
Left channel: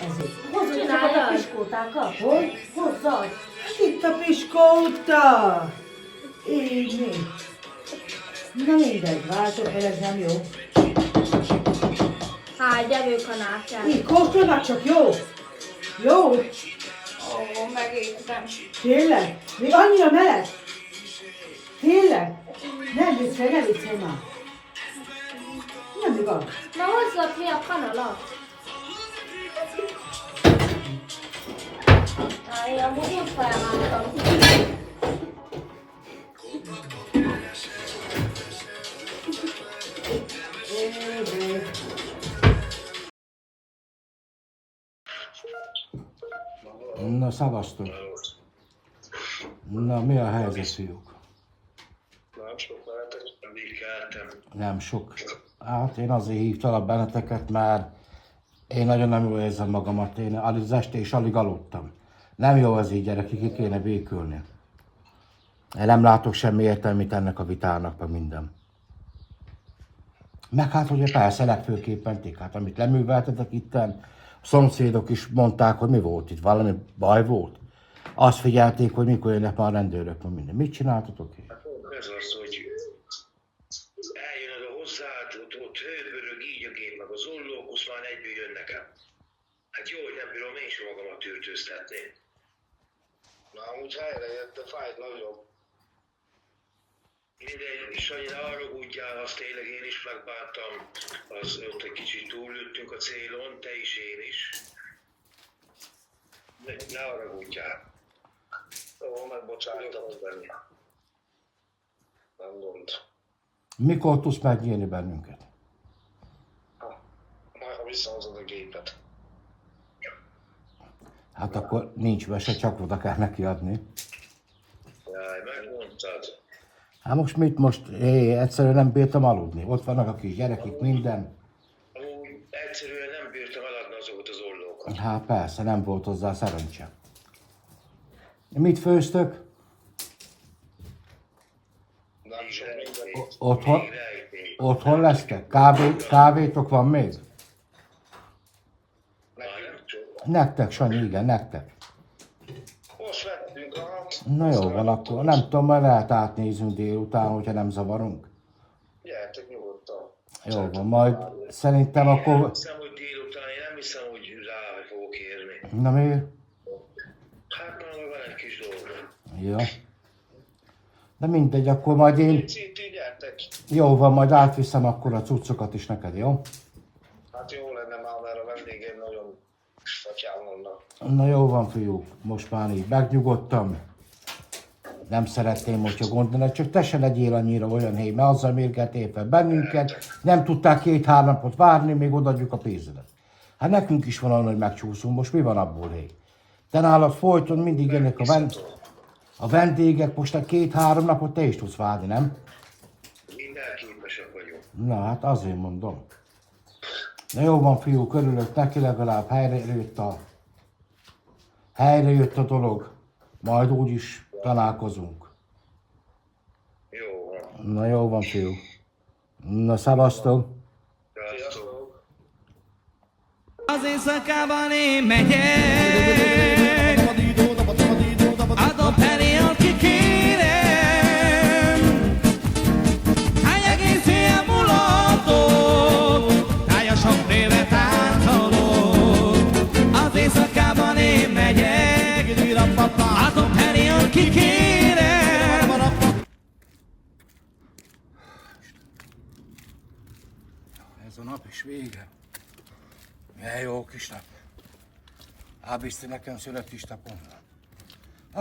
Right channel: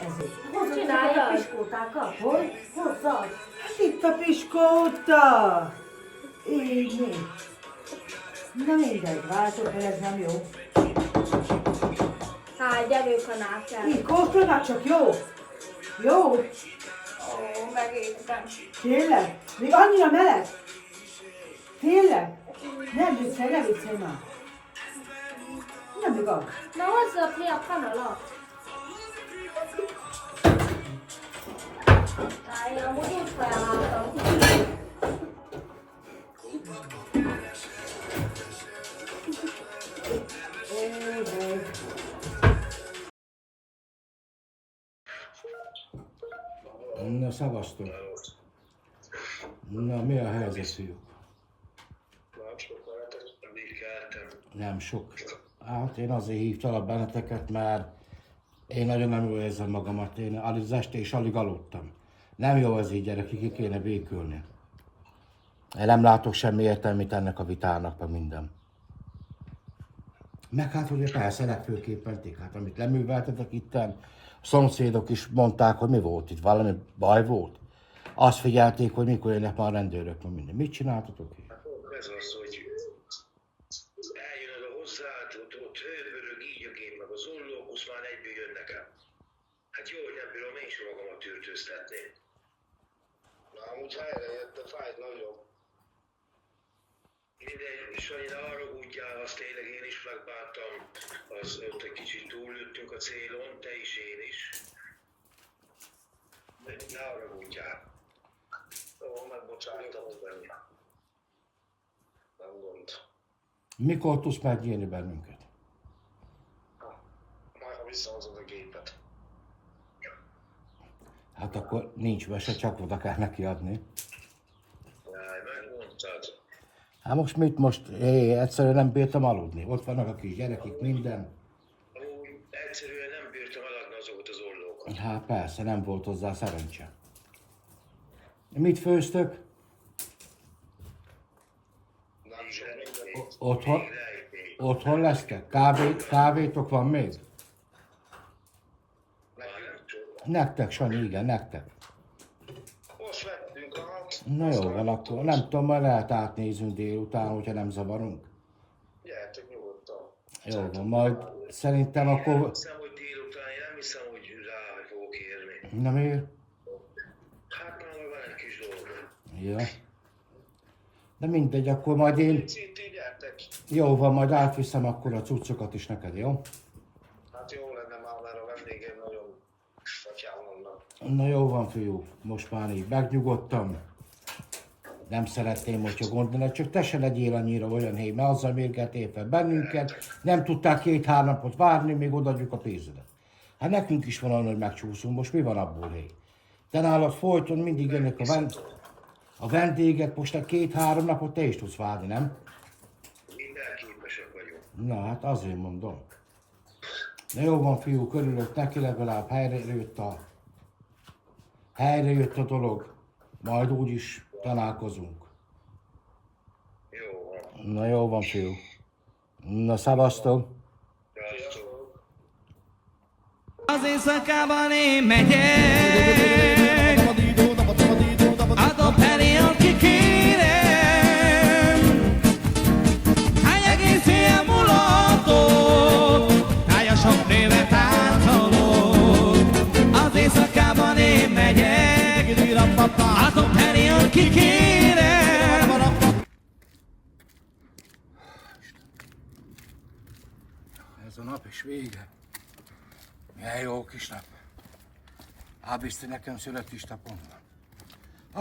ezért. Hozzad csak a piskótákat? Hogy? Hozzad! Itt a piskóta! Így mi? Na mindegy, váltok el, ez nem jó. Háj, gyerünk a nákját. Így kóstolnak csak, jó? Jó? Ó, megértem. Tényleg? Még annyira meleg? Tényleg? Nem viccelj már. Nem igaz. Na hozzad ki a kanalat. Háj, amúgy én felváltam. Na, szavaztok. Na, mi a helyzet, fiúk? Nem sok. Hát én azért hívtalak benneteket, mert én nagyon nem jól érzem magamat. Én az este is alig aludtam. Nem jó az így, gyerekek, ki kéne békülni. Én nem látok semmi értelmét ennek a vitának, meg minden. Meg hát, hogy persze legfőképpen ti, hát amit leműveltetek itten, a szomszédok is mondták, hogy mi volt itt, valami baj volt. Azt figyelték, hogy mikor jönnek már a rendőrök, meg minden. Mit csináltatok itt? Ez az, hogy eljön az a hozzád, ott hőbörög így a gép, meg az ollók, azt már egyből jönnek el. Hát jó, hogy nem bírom én sem magamat tűrtőztetni. Na, amúgy helyre jött, de fájt nagyon. Mindegy, Sanyi, ne haragudjál, azt tényleg én is megbántam, az ott egy kicsit túllőttünk a célon, te is, én is. Ne haragudjál. Jó, megbocsájtom benni. Nem gond. Mikor tudsz megnyírni bennünket? Majd ha visszahozod a gépet. Hát akkor nincs mese, csak oda kell neki adni. Jaj, megmondtad. Hát most mit most? Egyszerűen nem bírtam aludni. Ott vannak a kis gyerekek, minden. Úgy egyszerűen nem bírtam eladni azokat az ollókat. Hát persze, nem volt hozzá szerencse. Mit főztök? Nem sok minden. Otthon lesztek? Kávétok van még? Nektek, Sanyi, igen, nektek. Most vettünk a... Na jó van, akkor nem tudom, majd lehet átnézünk délután, hogyha nem zavarunk. Gyertek nyugodtan. Jó van, majd szerintem Én akkor... nem hiszem, hogy délután, én nem hiszem, hogy rá fogok érni. Na miért? Hát már van egy kis dolga. Ja. De mindegy, akkor majd én... Cíti, gyertek. Jó van, majd átviszem akkor a cuccokat is neked, jó? Hát jó lenne már, mert a vendégeim nagyon fatyán vannak. Na jó van, fiúk, most már így megnyugodtam. Nem szeretném, hogyha gondolod, csak te se legyél annyira olyan hely, mert azzal mérgeltél fel bennünket, nem tudták 2-3 napot várni, még odaadjuk a pénzedet. Hát nekünk is van olyan, hogy megcsúszunk, most mi van abból, hely? Te nálad folyton mindig jönnek a vendégek, most a 2-3 napot te is tudsz várni, nem? Minden képesek vagyunk. Na hát azért mondom. Na jó van, fiúk, örülök neki, legalább helyre jött a dolog. Majd úgyis találkozunk. Jó van. Na jó van, fiú. Na, szavaztok. Sziasztok. Az éjszakában én megyek, adom elé, aki kérem. Hány egész éjjel mulatok, tájasan névet áthalok. Az éjszakában én megyek, adom elé, aki kérem. Ez a nap is vége. Milyen jó kis nap. Ábizti nekem születésnapon van.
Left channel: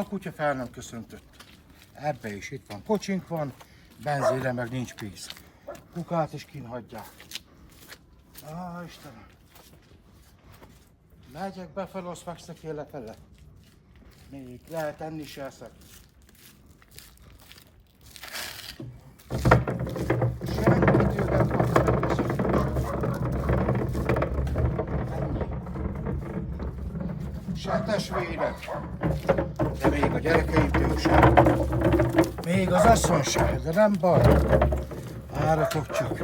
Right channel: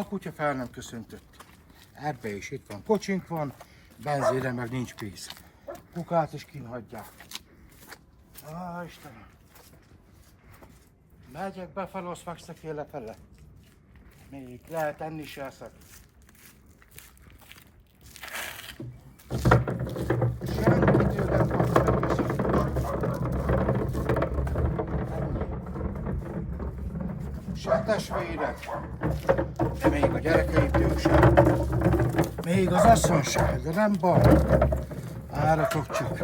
A kutya fel nem köszöntött. Ebbe is itt van kocsink van, benzére meg nincs pénz. Kukát is kínhagyják. Á, Istenem. Megyek befele, azt fekszek én lefele. Még lehet enni se eszek. Senki tőlem kapsz meg se testvérek, de még a gyerekeimtől sem. Még az asszony sem, de nem baj. Várjatok csak.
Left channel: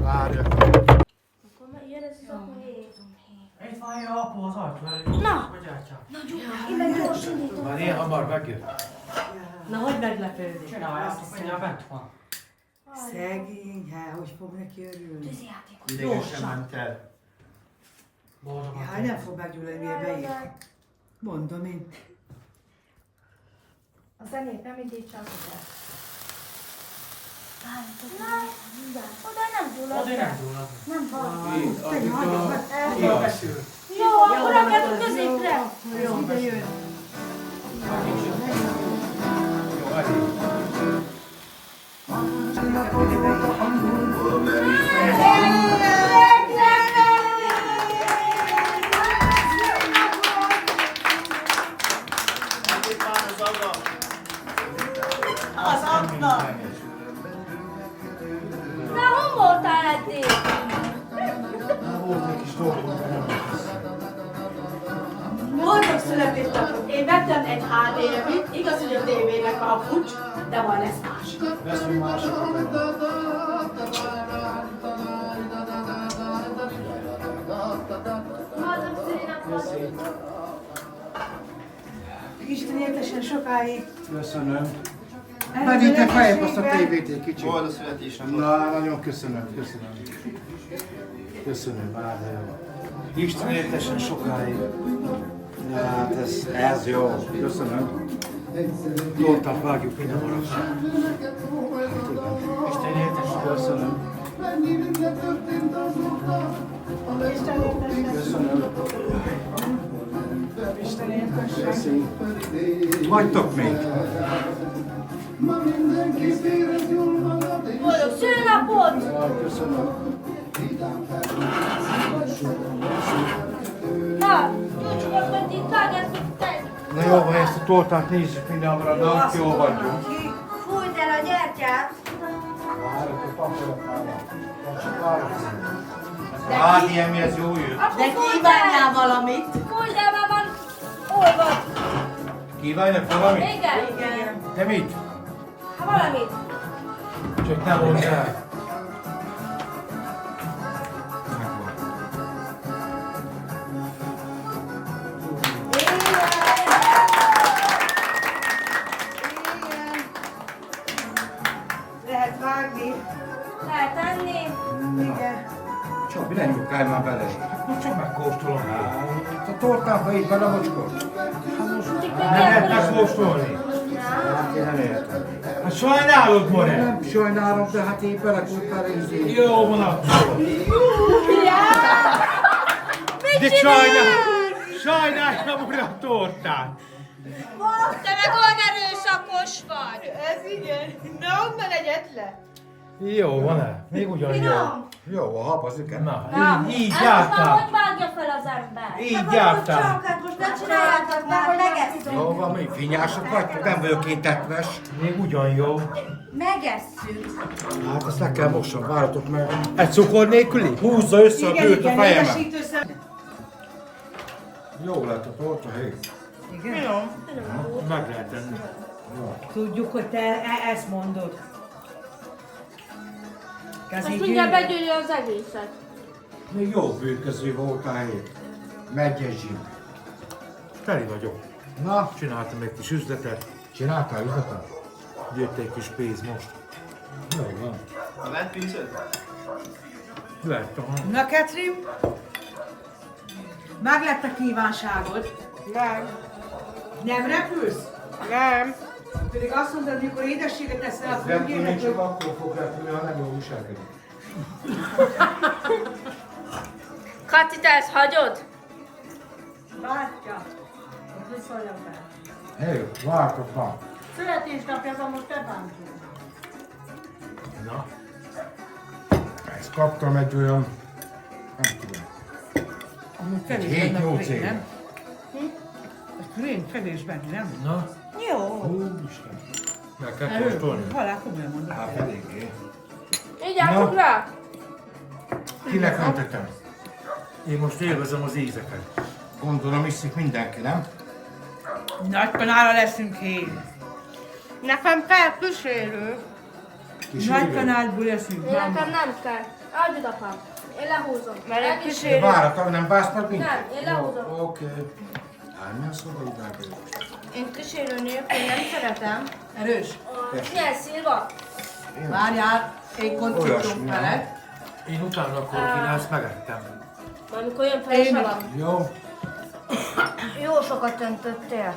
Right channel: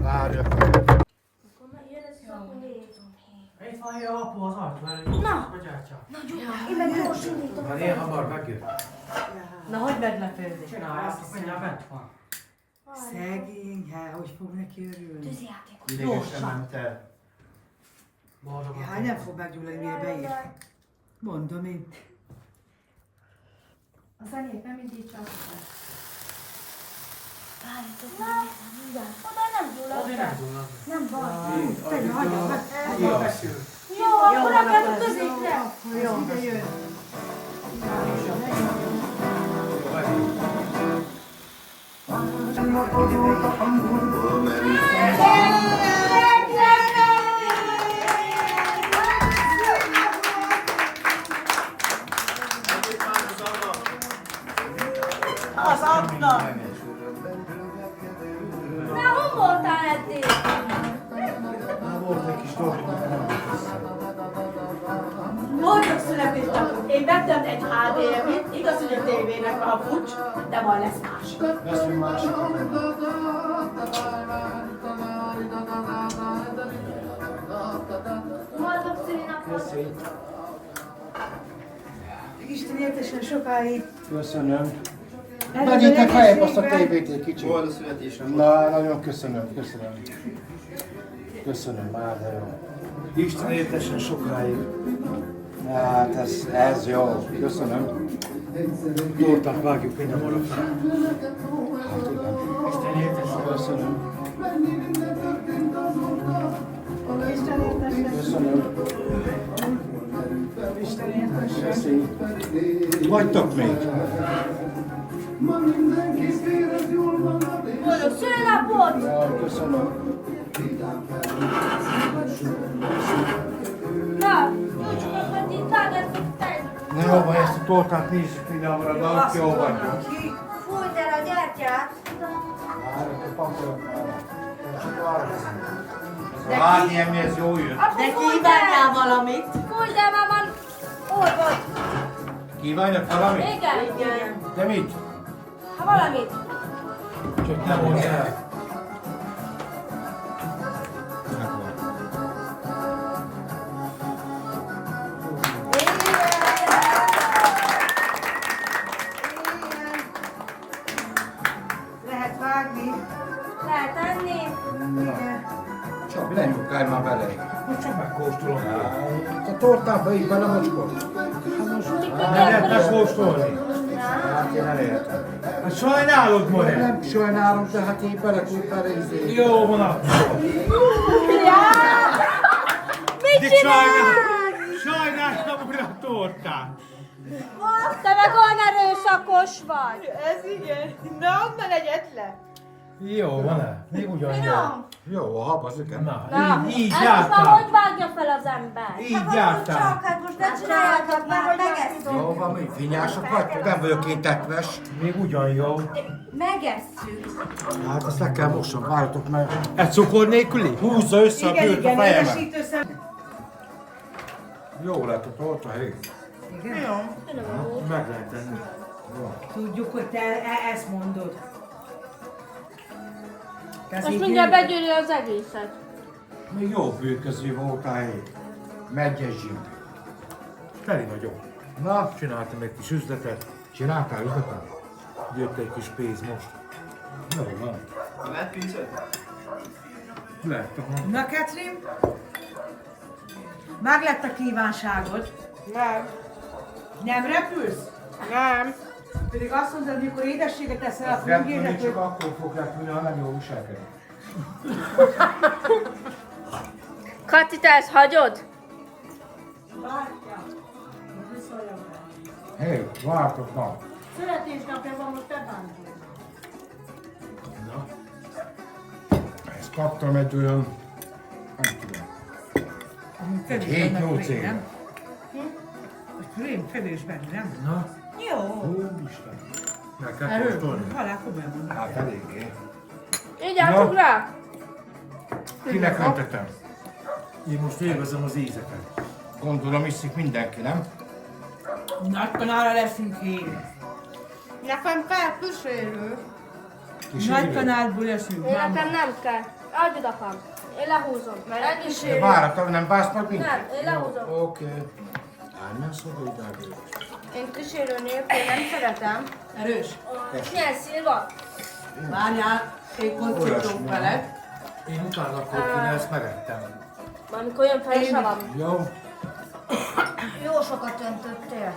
Várjatok. Akkor jön ez a szakmai. Itt van jó apu az ajtó. Na! Na, Gyula, én meg gyors indítom. Már én hamar megjött. Na, hogy meglepődik? Csináljátok, mindjárt bent van. Szegény, hát hogy fog neki örülni? Tűzijátékot. Idegesen ment el. Hát nem fog meggyullani, mire beér. Mondom én. A zenét nem indítsam. Oda nem gyullad be. Nem baj. Te hagyja meg. Jó, akkor rakjátok középre. Jó, ide jön. Az Anna! De hol voltál eddig? Volt egy kis dolgom, de nem volt össze. Boldog születésnapot! Én vettem egy HDMI-t, igaz, hogy a tévének van a pucs, de majd lesz más. Veszünk másikat. Boldog szülinapot! Isten éltesen sokáig. Köszönöm. Menjétek feljebb azt a tévét egy kicsit. Boldog születésnapot. Na, nagyon köszönöm, köszönöm. Köszönöm, már de jó. Isten értesen sokáig. Hát ez jó, köszönöm. Tortát vágjuk, minden marad. Isten értesen. Köszönöm. Köszönöm. Köszönöm. Vagytok még? Boldog szülinapot! Jaj, köszönöm. Na, nincs most itt vágjátok tenni. Na jó, van, ezt a tortát nézzük mindenhol, de ott jó vagyunk. Fújd el a gyertyát. Várjatok, pakolok már. Csak várjatok. Hát, ilyen mi, ez jó jött. De kívánjál valamit! Fújj, de már van olvad. Kívánjak valamit? Igen? Te mit? Valamit. Csak nem mondd el. Megvan. Lehet vágni. Lehet enni. Igen. Csabi, ne nyugodj már bele. Most csak megkóstolom. Itt a tortába így bele mocskod. Nem lehet megkóstolni. Hát én elértem. Hát sajnálod, More. Nem sajnálom, de hát így bele tudsz bele izé. Jó van akkor. De sajnálom újra a tortát. Te meg olyan erőszakos vagy. Ez igen. Na, onnan egyetlen. Jó van-e? Még ugyanúgy. Jó, a hab az igen. Na, Na, így ezt jártál. már hogy vágja fel az ember? Így jártál. Csak, hát most ne csináljátok már, hogy megesszük. Jó van, mi vinyások vagytok, nem vagyok én tetves. Még ugyan jó. Megesszük. Hát ezt le kell mosom, várjatok meg. Egy cukor nélküli? Húzza össze a bőrt a fejemen. édesítő. Jó lett a torta, hé. Igen? Meg lehet enni. Tudjuk, hogy te ezt mondod. Ezt mindjárt begyűri az egészet. Még jó bőrköző voltál, hé. Megyes zsim. Teli vagyok. Na, Csináltam egy kis üzletet. csináltál üzletet? Jött egy kis pénz most. Jó van. Ha lett pincőt? Lett, aha. Na, Katrin? Meg lett a kívánságod? Nem. Nem repülsz? Nem. Pedig azt mondtad, hogy mikor édességet teszel, akkor Nem úgy tudni, érnek, csak hogy... akkor fog repülni, ha nem jól viselkedik. Kati, te ezt hagyod? Bátya. Hogy szóljam el? Hé, vártok már. Születésnapja van, most te bántod. Na. Ezt kaptam egy olyan, nem tudom, egy 7-8 éve. Krém kevés benne, nem? Na. Jó. Úristen. Meg kell kóstolni. Halál komolyan mondom. Hát eléggé. Így állok rá. Kinek mentetem? Én most élvezem az ízeket. Gondolom iszik mindenki, nem? Nagy kanára leszünk hén. Nekem felkísérő. Nagy kanálból eszünk, Én máma. nekem nem kell. Adjad apám. Én lehúzom. Mert egy De kísérő. várok, nem vársz meg minket? Nem, én lehúzom. Oké. Állj, a szoba idába. Én kísérő nélkül nem szeretem. Erős. Milyen szilva? Várjál, én konceptunk veled. Én utána akkor kéne, ezt megettem. Majd mikor jön fel a salam. Jó. Jó sokat öntöttél.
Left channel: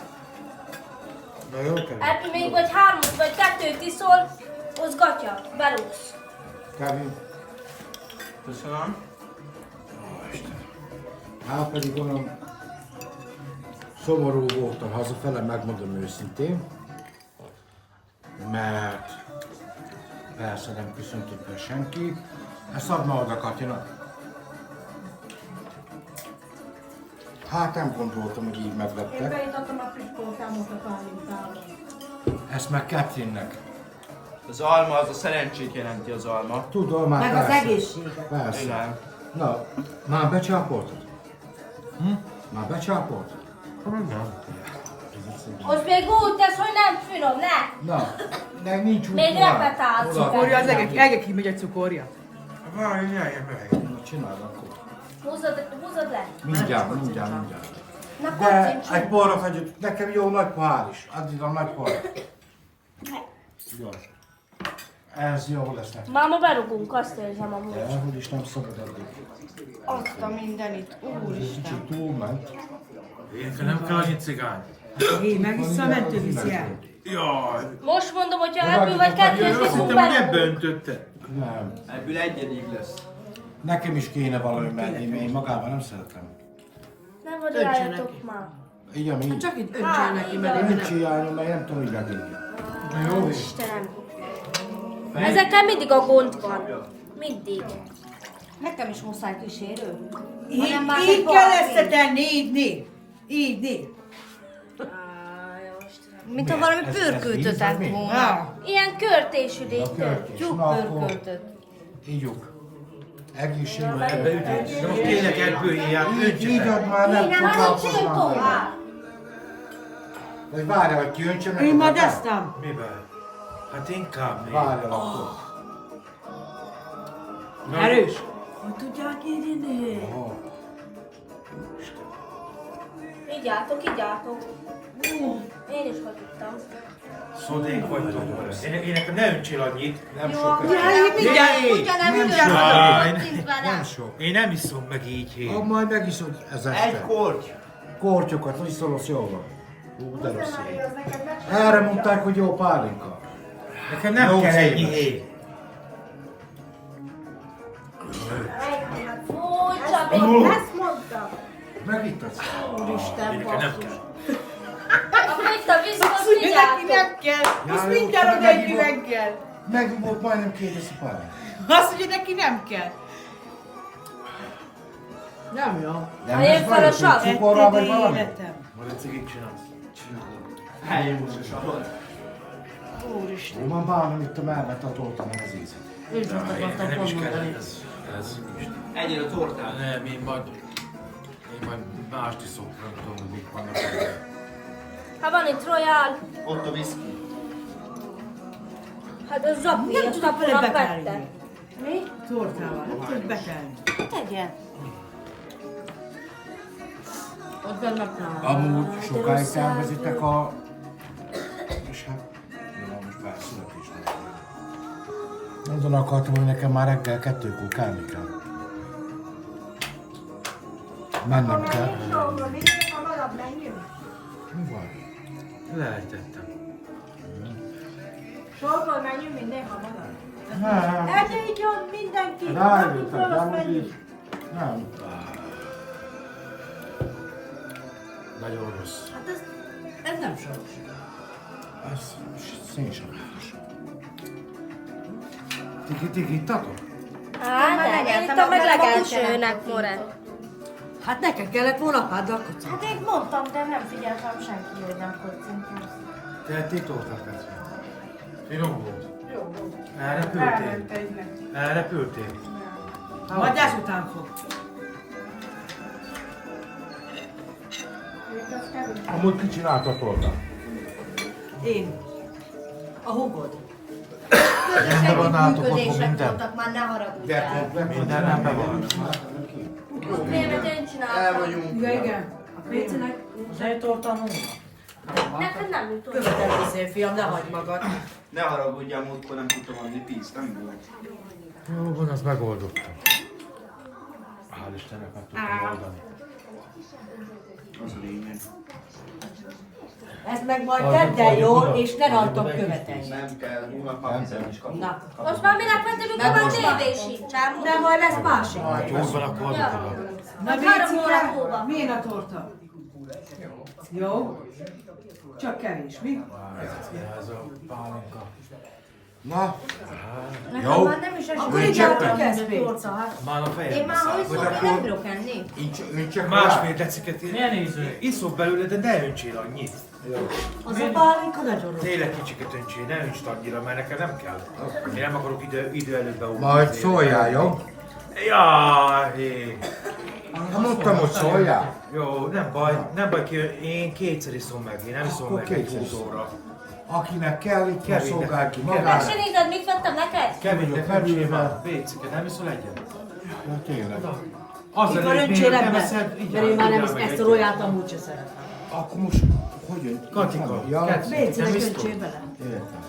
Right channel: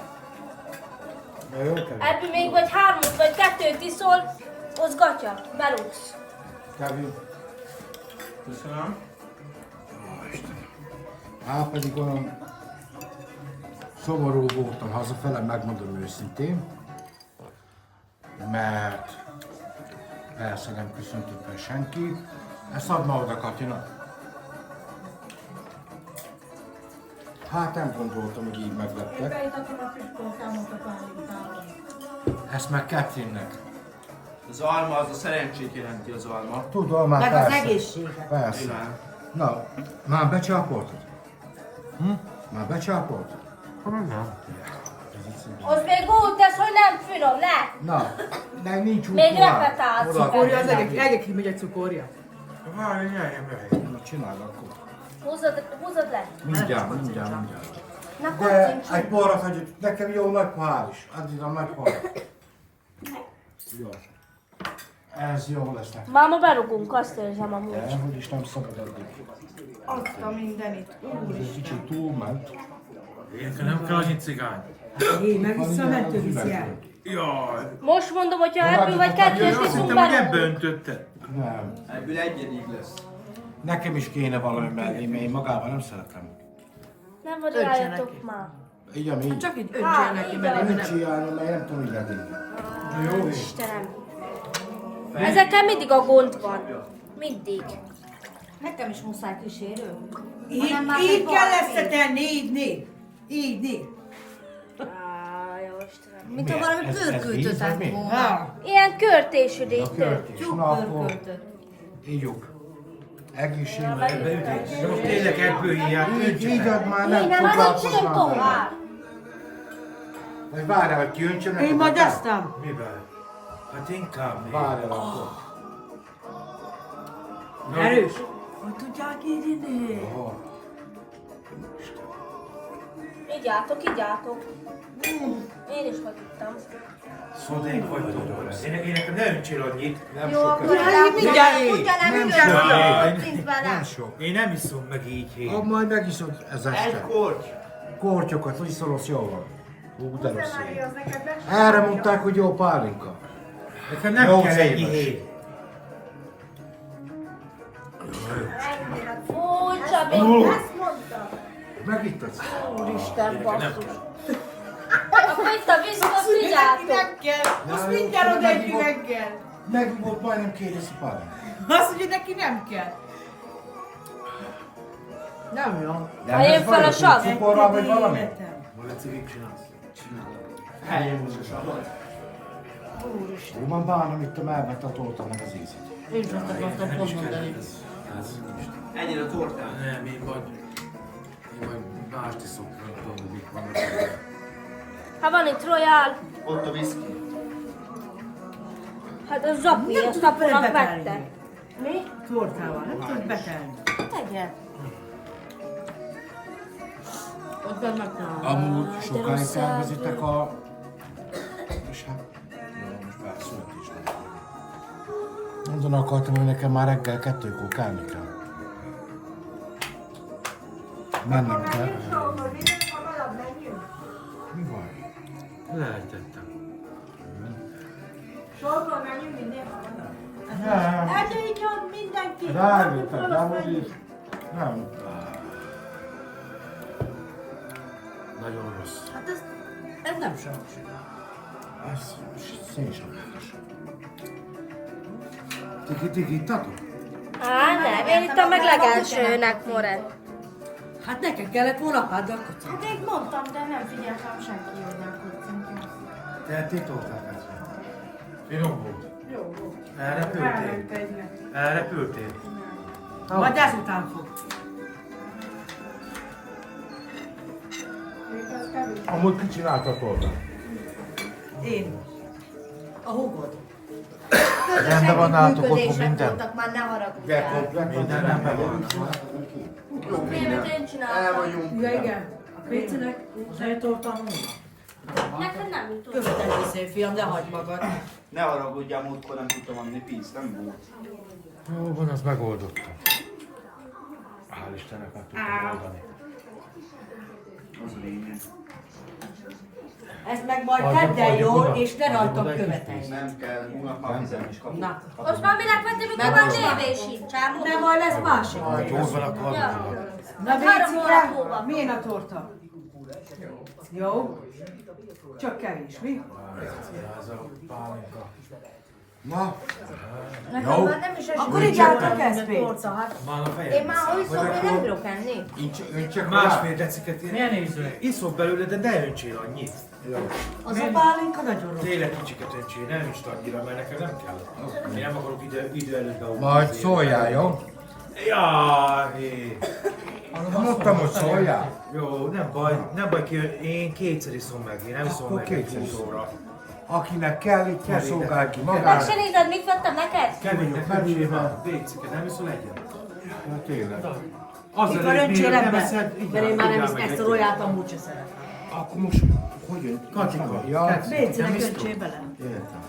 Na jó, kell. Ebből még vagy 3 vagy 2 iszol, az gatya, berúgsz. Kevin. Köszönöm. Hát pedig olyan szomorú voltam hazafele, megmondom őszintén. Mert persze nem köszöntött meg senki. Ezt add ma oda Katyanak. Hát nem gondoltam, hogy így megleptek. Ezt meg Katrinnek. Az alma az a szerencsét jelenti az alma. Tudom, már Meg persze. az egészséget. Persze. Igen. Na, már becsápoltad? Már becsápoltad? Az még úgy tesz, hogy nem finom, ne! Na, de nincs úgy Még tovább. repetálsz. Cukorja az egek kimegy a cukorja. Várj, jöjjön meg. Na, csináld akkor. Húzod le. Mindjárt. Na, De kocsintsunk. egy porra hagyjuk, nekem jó nagy pohár is. Add ide a nagy pohár. Jó. Ez jó lesz nekem. Máma berugunk, azt érzem amúgy. De hogy is nem szabad addig. Azt a mindenit. Ez kicsit túlment. Én nem kell annyi cigány. Én megisszam, mentő viszi el. Jaj, Most mondom, hogy ha ebből vagy 2 iszunk azt hittem, hogy bele. ebbe öntötte. Nem. Ebből egyedig lesz. Nekem is kéne valami menni, mert én magában nem szeretem. Nem vagy rájöttök már. Igen, így. Csak így öntsél neki, mert én Nincs hiányom, mert én nem tudom, hogy legényi. Jó, Istenem. Ezekkel mindig a gond van. Mindig. Nekem is muszáj kísérő. Így kell összetenni, így négy. Mint ha valami pörköltöt lett volna. Ilyen körtésű a körtés. Na akkor Pörköltöt. ígyuk. Egészségben. De most tényleg ebből ilyet Így ad már nem Igen, foglalkoznám tovább. vele. Vagy várjál, hogy kijöntsem neked. Én majd akár? eztem. Mivel? Hát inkább még. Várjál akkor. Erős. Hogy tudják így inni? Aha. Így álltok. Én is hagytam. Szodék vagytok. Én nekem ne öntsél annyit. Nem Jó, sok. Jaj, mindjárt. Nem sok. Én nem iszom meg így hét. Majd megiszod ez Egy este. korty. Kortyokat, hogy szólsz jól van. Hú, de rossz ég. Erre mondták, hogy jó pálinka. Nekem nem Jó kell ennyi széles. hét. Fúj, Csabi, ezt mondtam. Megittad? Úristen, Nem basszus. kell. Akkor itt a vízhoz vigyáztok. kell. Most Ja, jó, mindjárt csak odaegyünk megivott. reggel. Megivott majdnem 2000 pálinka. Azt mondja, neki nem kell. Nem jó. Nem Helyén lesz baj, fel a hogy sav. cukorral vagy valami? Majd egy cigit csinálsz. Helyén most a savat. Ó, már bánom itt a melvet a torta, meg az ízet. Én csak akartam Nem is kell mondani. ez. Ennyire a tortán. Nem, én majd mást iszok, nem tudom, hogy mik vannak. Hát van itt Royal. Ott a whisky. Hát az zapi, Nem azt tudok vele apunak betelni. vette. Mi? Tortával, nem tudod betelni. Tegye. Ott bennek nálam. Amúgy sokáig tervezitek a... És hát... Jó, most már születésnap. Mondani akartam, hogy nekem már reggel 2-kor kelni kell. Mennem kell. Mi van? Lejtettem. Sorban menjünk minden hamarabb. Nem. Egyébként mindenki. Rájöttem, nem, hogy így. Nem. Nagyon rossz. Ez nem saros. Ez szénsaváros. Tiki ittatok? Hát, én itt a meg legelsőnek, Moren. Hát neked kellett volna padlakot. Hát én mondtam, de nem figyeltem senki, hogy alkotszunk. Tehették tortát, Petri? Finom volt. Jó volt. Elrepültél? Elment egynek. Elrepültél? Majd ezután fog. Amúgy ki csinálta a tortát? Én. A hugod. Rendben van nálatok otthon működések minden? voltak, már ne haragudjál. Minden rendben van. Miért én El csináltam? vagyunk. Ja, igen. A Pécinek zsejtorta volna. Neked nem jutott. Követelő szép fiam, ne hagyd magad. Ne haragudjál, múltkor nem tudtam adni pénzt, nem volt. Jó van, az megoldottam. Hál' Istennek meg tudtam oldani. Az a lényeg. Ez meg majd tedd el jól, és ne rajtam követelj. Nem kell, hónap már 10 is kapunk. Na, Most már minek vettem, mikor már tévé sincsám? de majd lesz másik. Hát jó van, akkor adok oda. Na, Hát 3 Bécike, hónap múlva. milyen a torta? Jó? Csak kevés, mi? Ez a pálinka. Na, Nekem jó. már nem is esik. Akkor így álltok ezt, Béc. Már a Én fejem. már úgy szól, hogy nem bírok enni. Én csak Másfél deciket iszok belőle, de ne öntsél annyit. Az a pálinka nagyon rossz. Tényleg kicsiket öntsél, ne öntsd annyira, mert nekem nem kell. Én nem akarok idő előtt beugni. Majd szóljál, jó? Jaj, Mondtam, hogy szóljál. jó, nem baj, én kétszer iszom meg, én nem iszom Akkor meg egy kétszer iszom. 20 óra. Akinek kell, itt kell Kevin, szolgál ki Kevin. magának. Se nézed, mit vettem neked? Kevénynek Vagyok nem merülve. Bécike, nem iszol egyet? Ja, tényleg. Mikor öntsél ebben? Mert én már nem iszom ezt a roját, amúgy se szeretem. Akkor most, hogy jön? Katika. Ja, Bécinek öntsél bele. értem.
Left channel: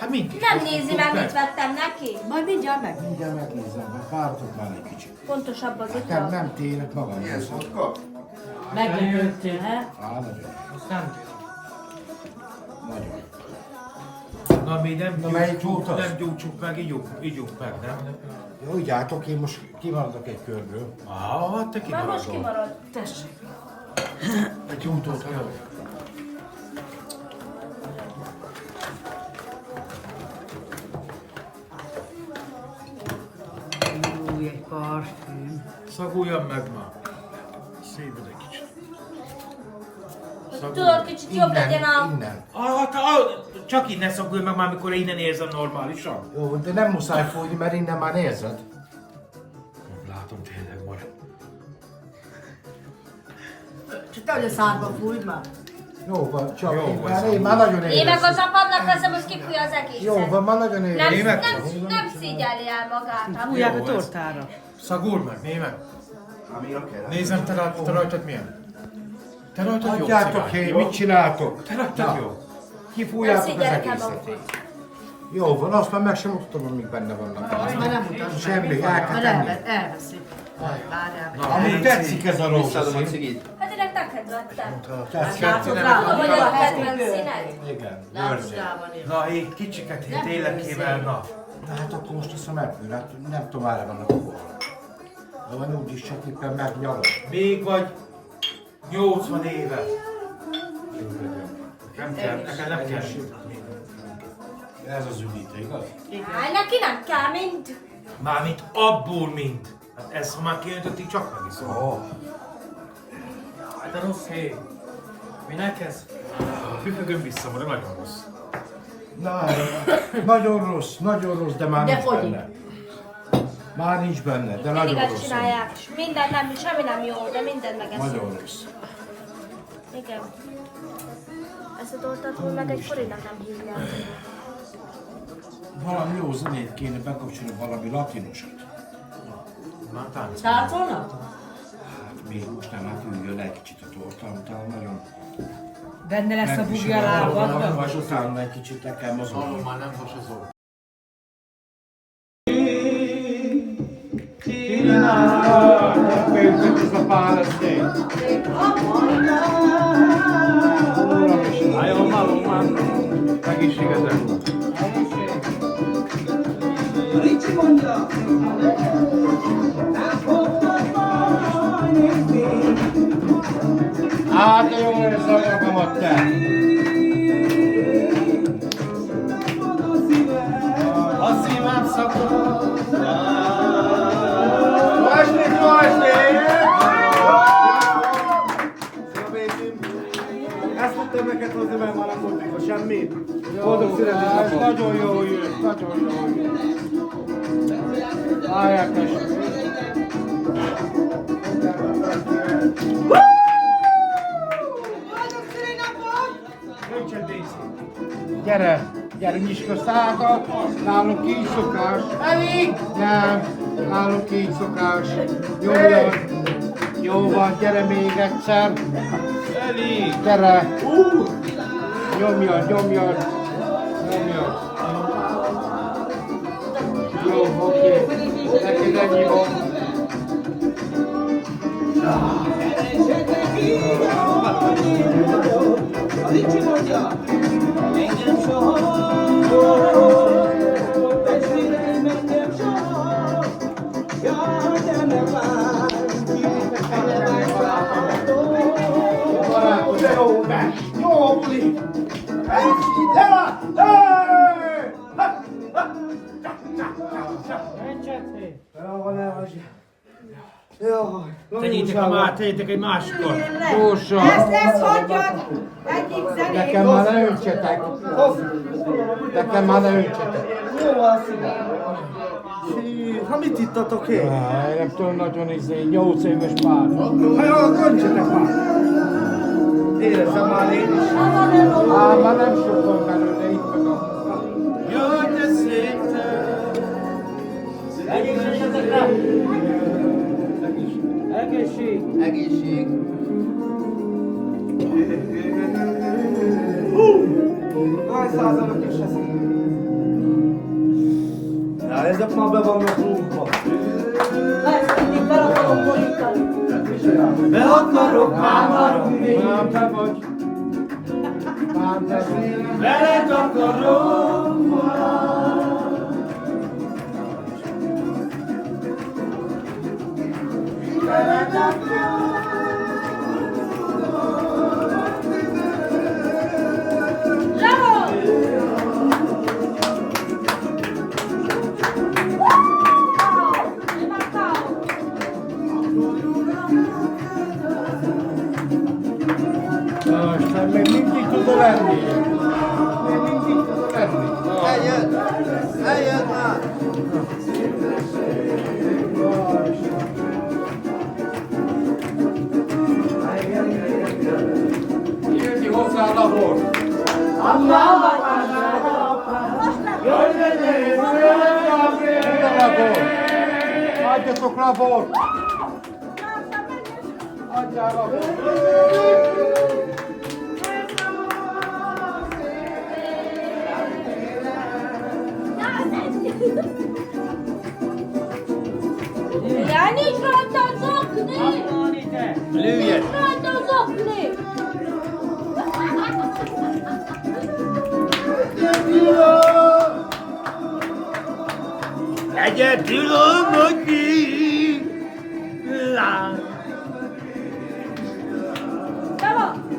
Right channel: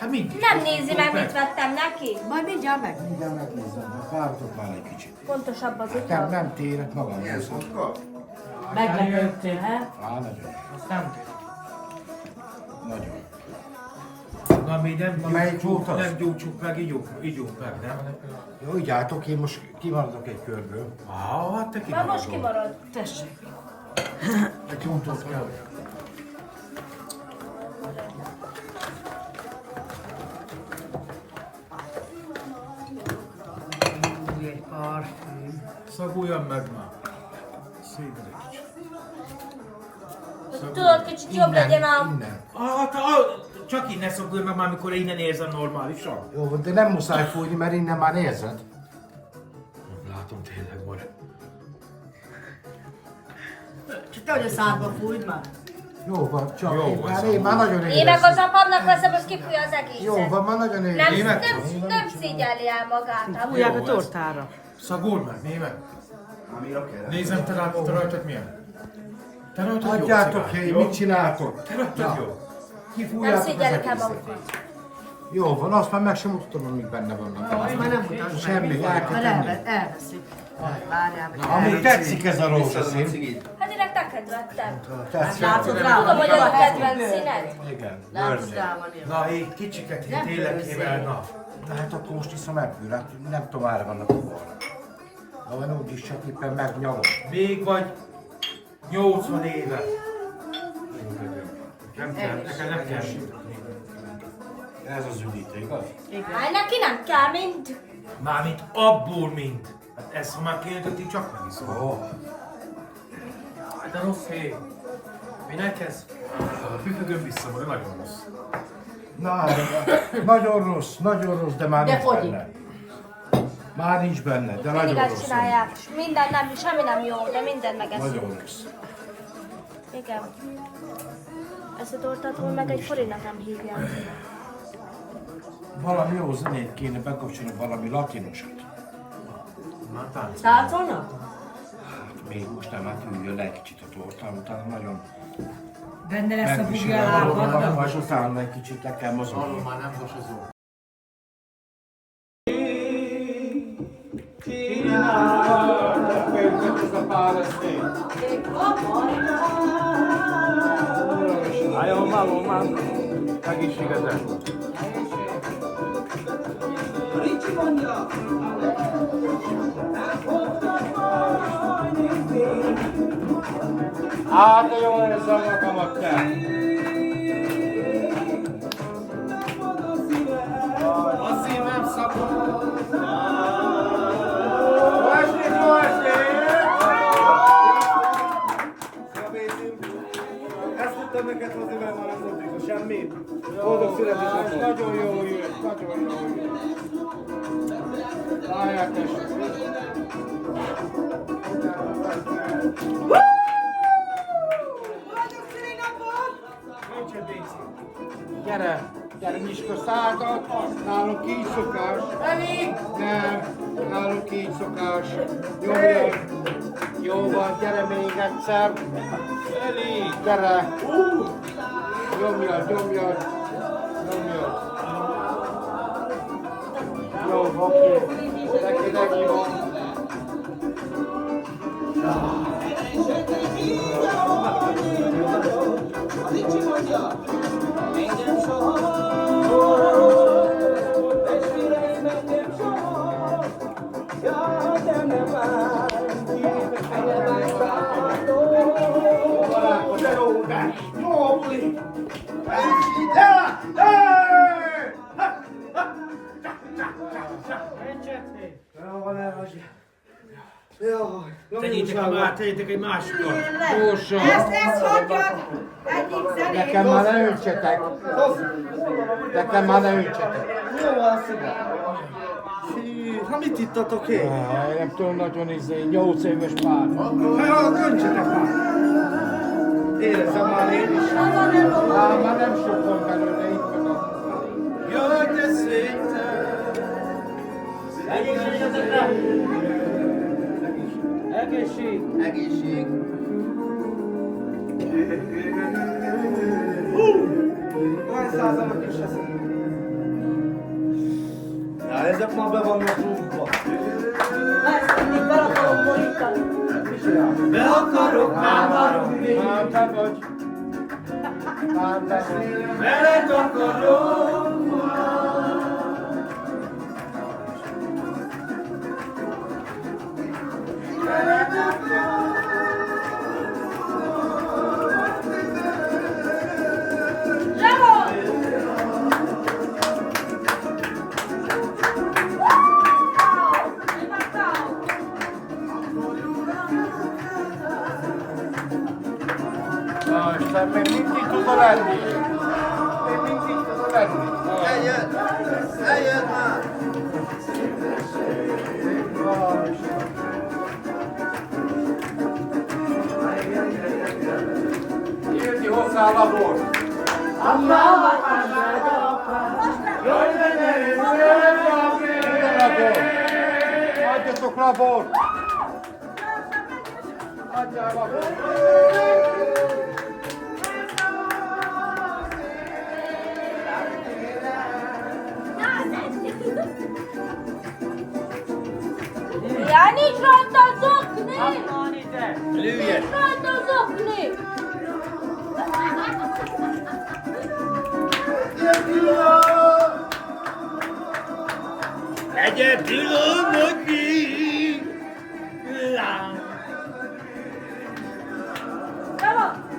Hát mindig. Nem nézi meg, mit vettem neki. Majd mindjárt meg. Mindjárt megnézem, hogy várhatok már egy kicsit. Pontosabb az Nem, utal. nem térek magam. Ilyen szotka? Meglepődtél, he? Á, nagyon. Nagyon. Na mi nem, Na, melyik volt az? nem gyújtsuk meg, ígyunk meg, nem? Jó, így álltok, én most kimaradok egy körből. Hát te Már most kimaradol. kimarad. Tessék. Egy útot kell. Szaguljam meg ma. Szépen egy kicsit. Tudod, kicsit jobb legyen a... Innen. Csak innen szagulj meg már, amikor innen érzem normálisan. Jó, de nem muszáj fújni, mert innen már érzed. Látom tényleg majd. Csak te, hogy a szádba fújt már. Jó van, csak Jó én, van, már, én már nagyon Én meg érzem. az apámnak veszem, az kifúj az egészet. Jó van, már nagyon érzem. Nem, Német? nem szégyelli el magát. Fújják a Jó, ez- tortára. Szagolj meg, német. Amira kell. Nézem, te rajtad milyen? Te rajtad jó Adjátok cigány, hé, jó? mit csináltok? Te rajtad jó. Nem Kifújjátok az szégyellik el egészet. magukat. Jó van, azt már meg sem mutatom, amíg benne vannak. Azt már nem mutasd meg. Semmi, el kell tenni. Elveszik. Várjál. Amúgy tetszik ez a Visszadom a rózsaszín. cigit. Hát direkt neked vettem. Tetszik. Látod rá, Tudom, hogy hogy a a kedvenc színed. Igen, Látod őrző. rá van ilyen. Na, egy kicsiket, én tényleg kével, na. Na hát akkor most iszom ebből, hát nem tudom, ára vannak a borra. Na van úgyis csak éppen megnyalom. Még vagy 80 éve. Nem kell, nekem nem kell sütni. Ez az üdítő, igaz? Hát neki nem kell, mind. Mármint abból mind. Hát ez, ha már kiöntötték, csak megiszom. Ó, De rossz hely. Minek ez? Függöm vissza, mert nagyon rossz. na, nagyon rossz, de már De nincs fogyik. benne. Már nincs benne, de Mindig nagyon ezt rossz. csinálják. Minden nem, semmi nem jó, de mindent megeszünk. Nagyon rossz. Igen. Ezt a tortát meg egy forintnak nem hívja. Valami jó zenét kéne bekapcsolni, valami latinosat. Már tánc. Táncolnak? Hát még most nem, hát üljön le egy kicsit a torta, utána nagyon Benne lesz a megvisel bugyjál a dolog, állgatnak? és utána egy kicsit le kell mozogni. Már nem hasazol. Álljon malom már. Egészségedre. Hát jó érzem magamat te! A szívem szakad! Vasni! Szia Bécim! Ezt tudtam neked hozni, mert már nem volt mikor semmi. Boldog születésnapot! Nagyon jó jött, nagyon jó jött. Várják tessék! Gyere, nyisd közt ágat! Nálunk így szokás. Eli! Nem, nálunk így szokás. Nyomjon. Jó van, gyere még egyszer. Eli! Gyere! Nyomjon, nyomjon. Nyomjon. Jó, oké. Neked ennyi van. Tegyétek a már, tegyétek egy másikat. Gyorsan. Ezt hagyjad! Egyik zenét! Nekem már ne öntsetek. Nekem már ne öntsetek. Jó van, szívem. Ha mit ittatok én? Én nem tudom, nagyon 8 éves pár. Ha jó, köntsetek már. Éreztem már én is. Már nem sok van belőle, itt meg a... Jaj, de szép te! Egészségetekre! Egészség! Egészség! Hány százalék is eszik? Na, ezek már be vannak rúgva. Ezt mindig be akarom borítani. Be akarok hámarogni. Már te vagy. Már beszélem. Veled akarok Na, Isten, még mindig tudod lenni. Még mindig tudod lenni. Eljött! Eljött már! Írni hozzá a labor. Adjatok labor! Adjál labor! Ja, nincs rajta az okni! Lőjed! Nincs rajta az okni! Egyedül almodni! Te van!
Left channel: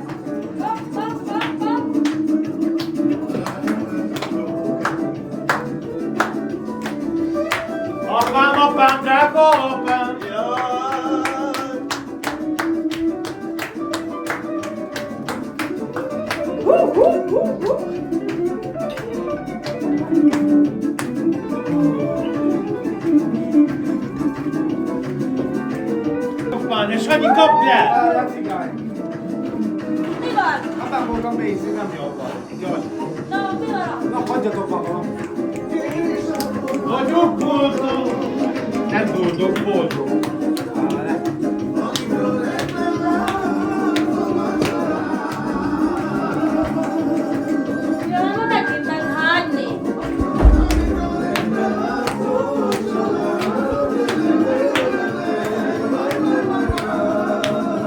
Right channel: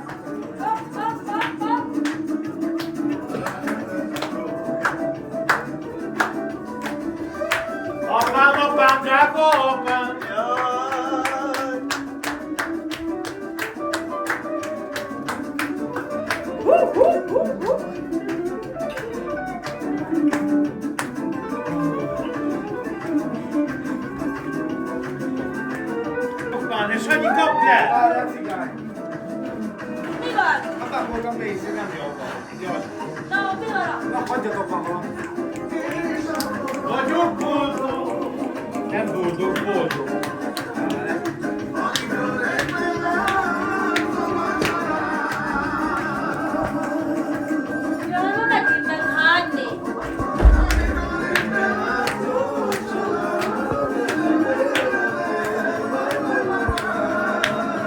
Apám, apám, drága apám! Apám, és annyi kapj el! Várjál, cigány. Mi van? Ha befogom nézni, nem jó van. Jaj. Na, mi van? Na, hagyjatok valahol. Nagyon boldog! Nem boldog, boldog. Jön megint meghányni!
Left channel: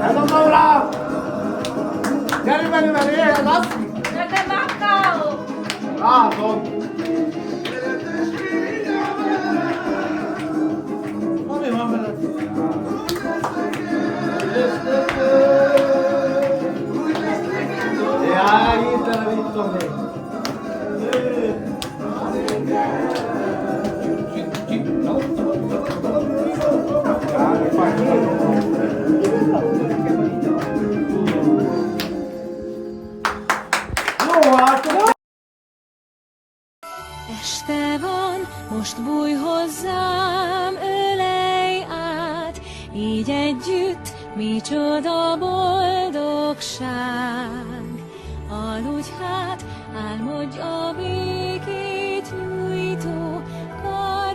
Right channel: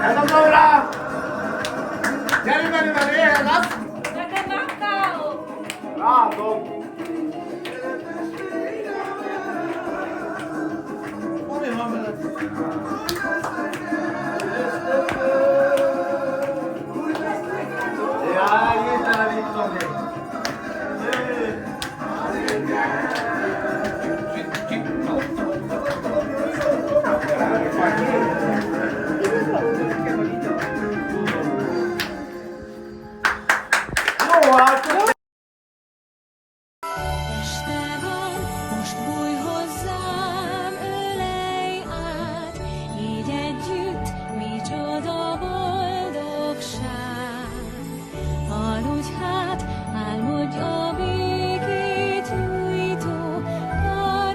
Eldobom rá! Gyere velem, éhez azt! Nekem már káó! Látod! Mi van veled? Jaj, itt elvittem még. Este van, most bújj hozzám, ölelj át, így együtt micsoda boldogság. Aludj hát, álmodj a békét nyújtó sky.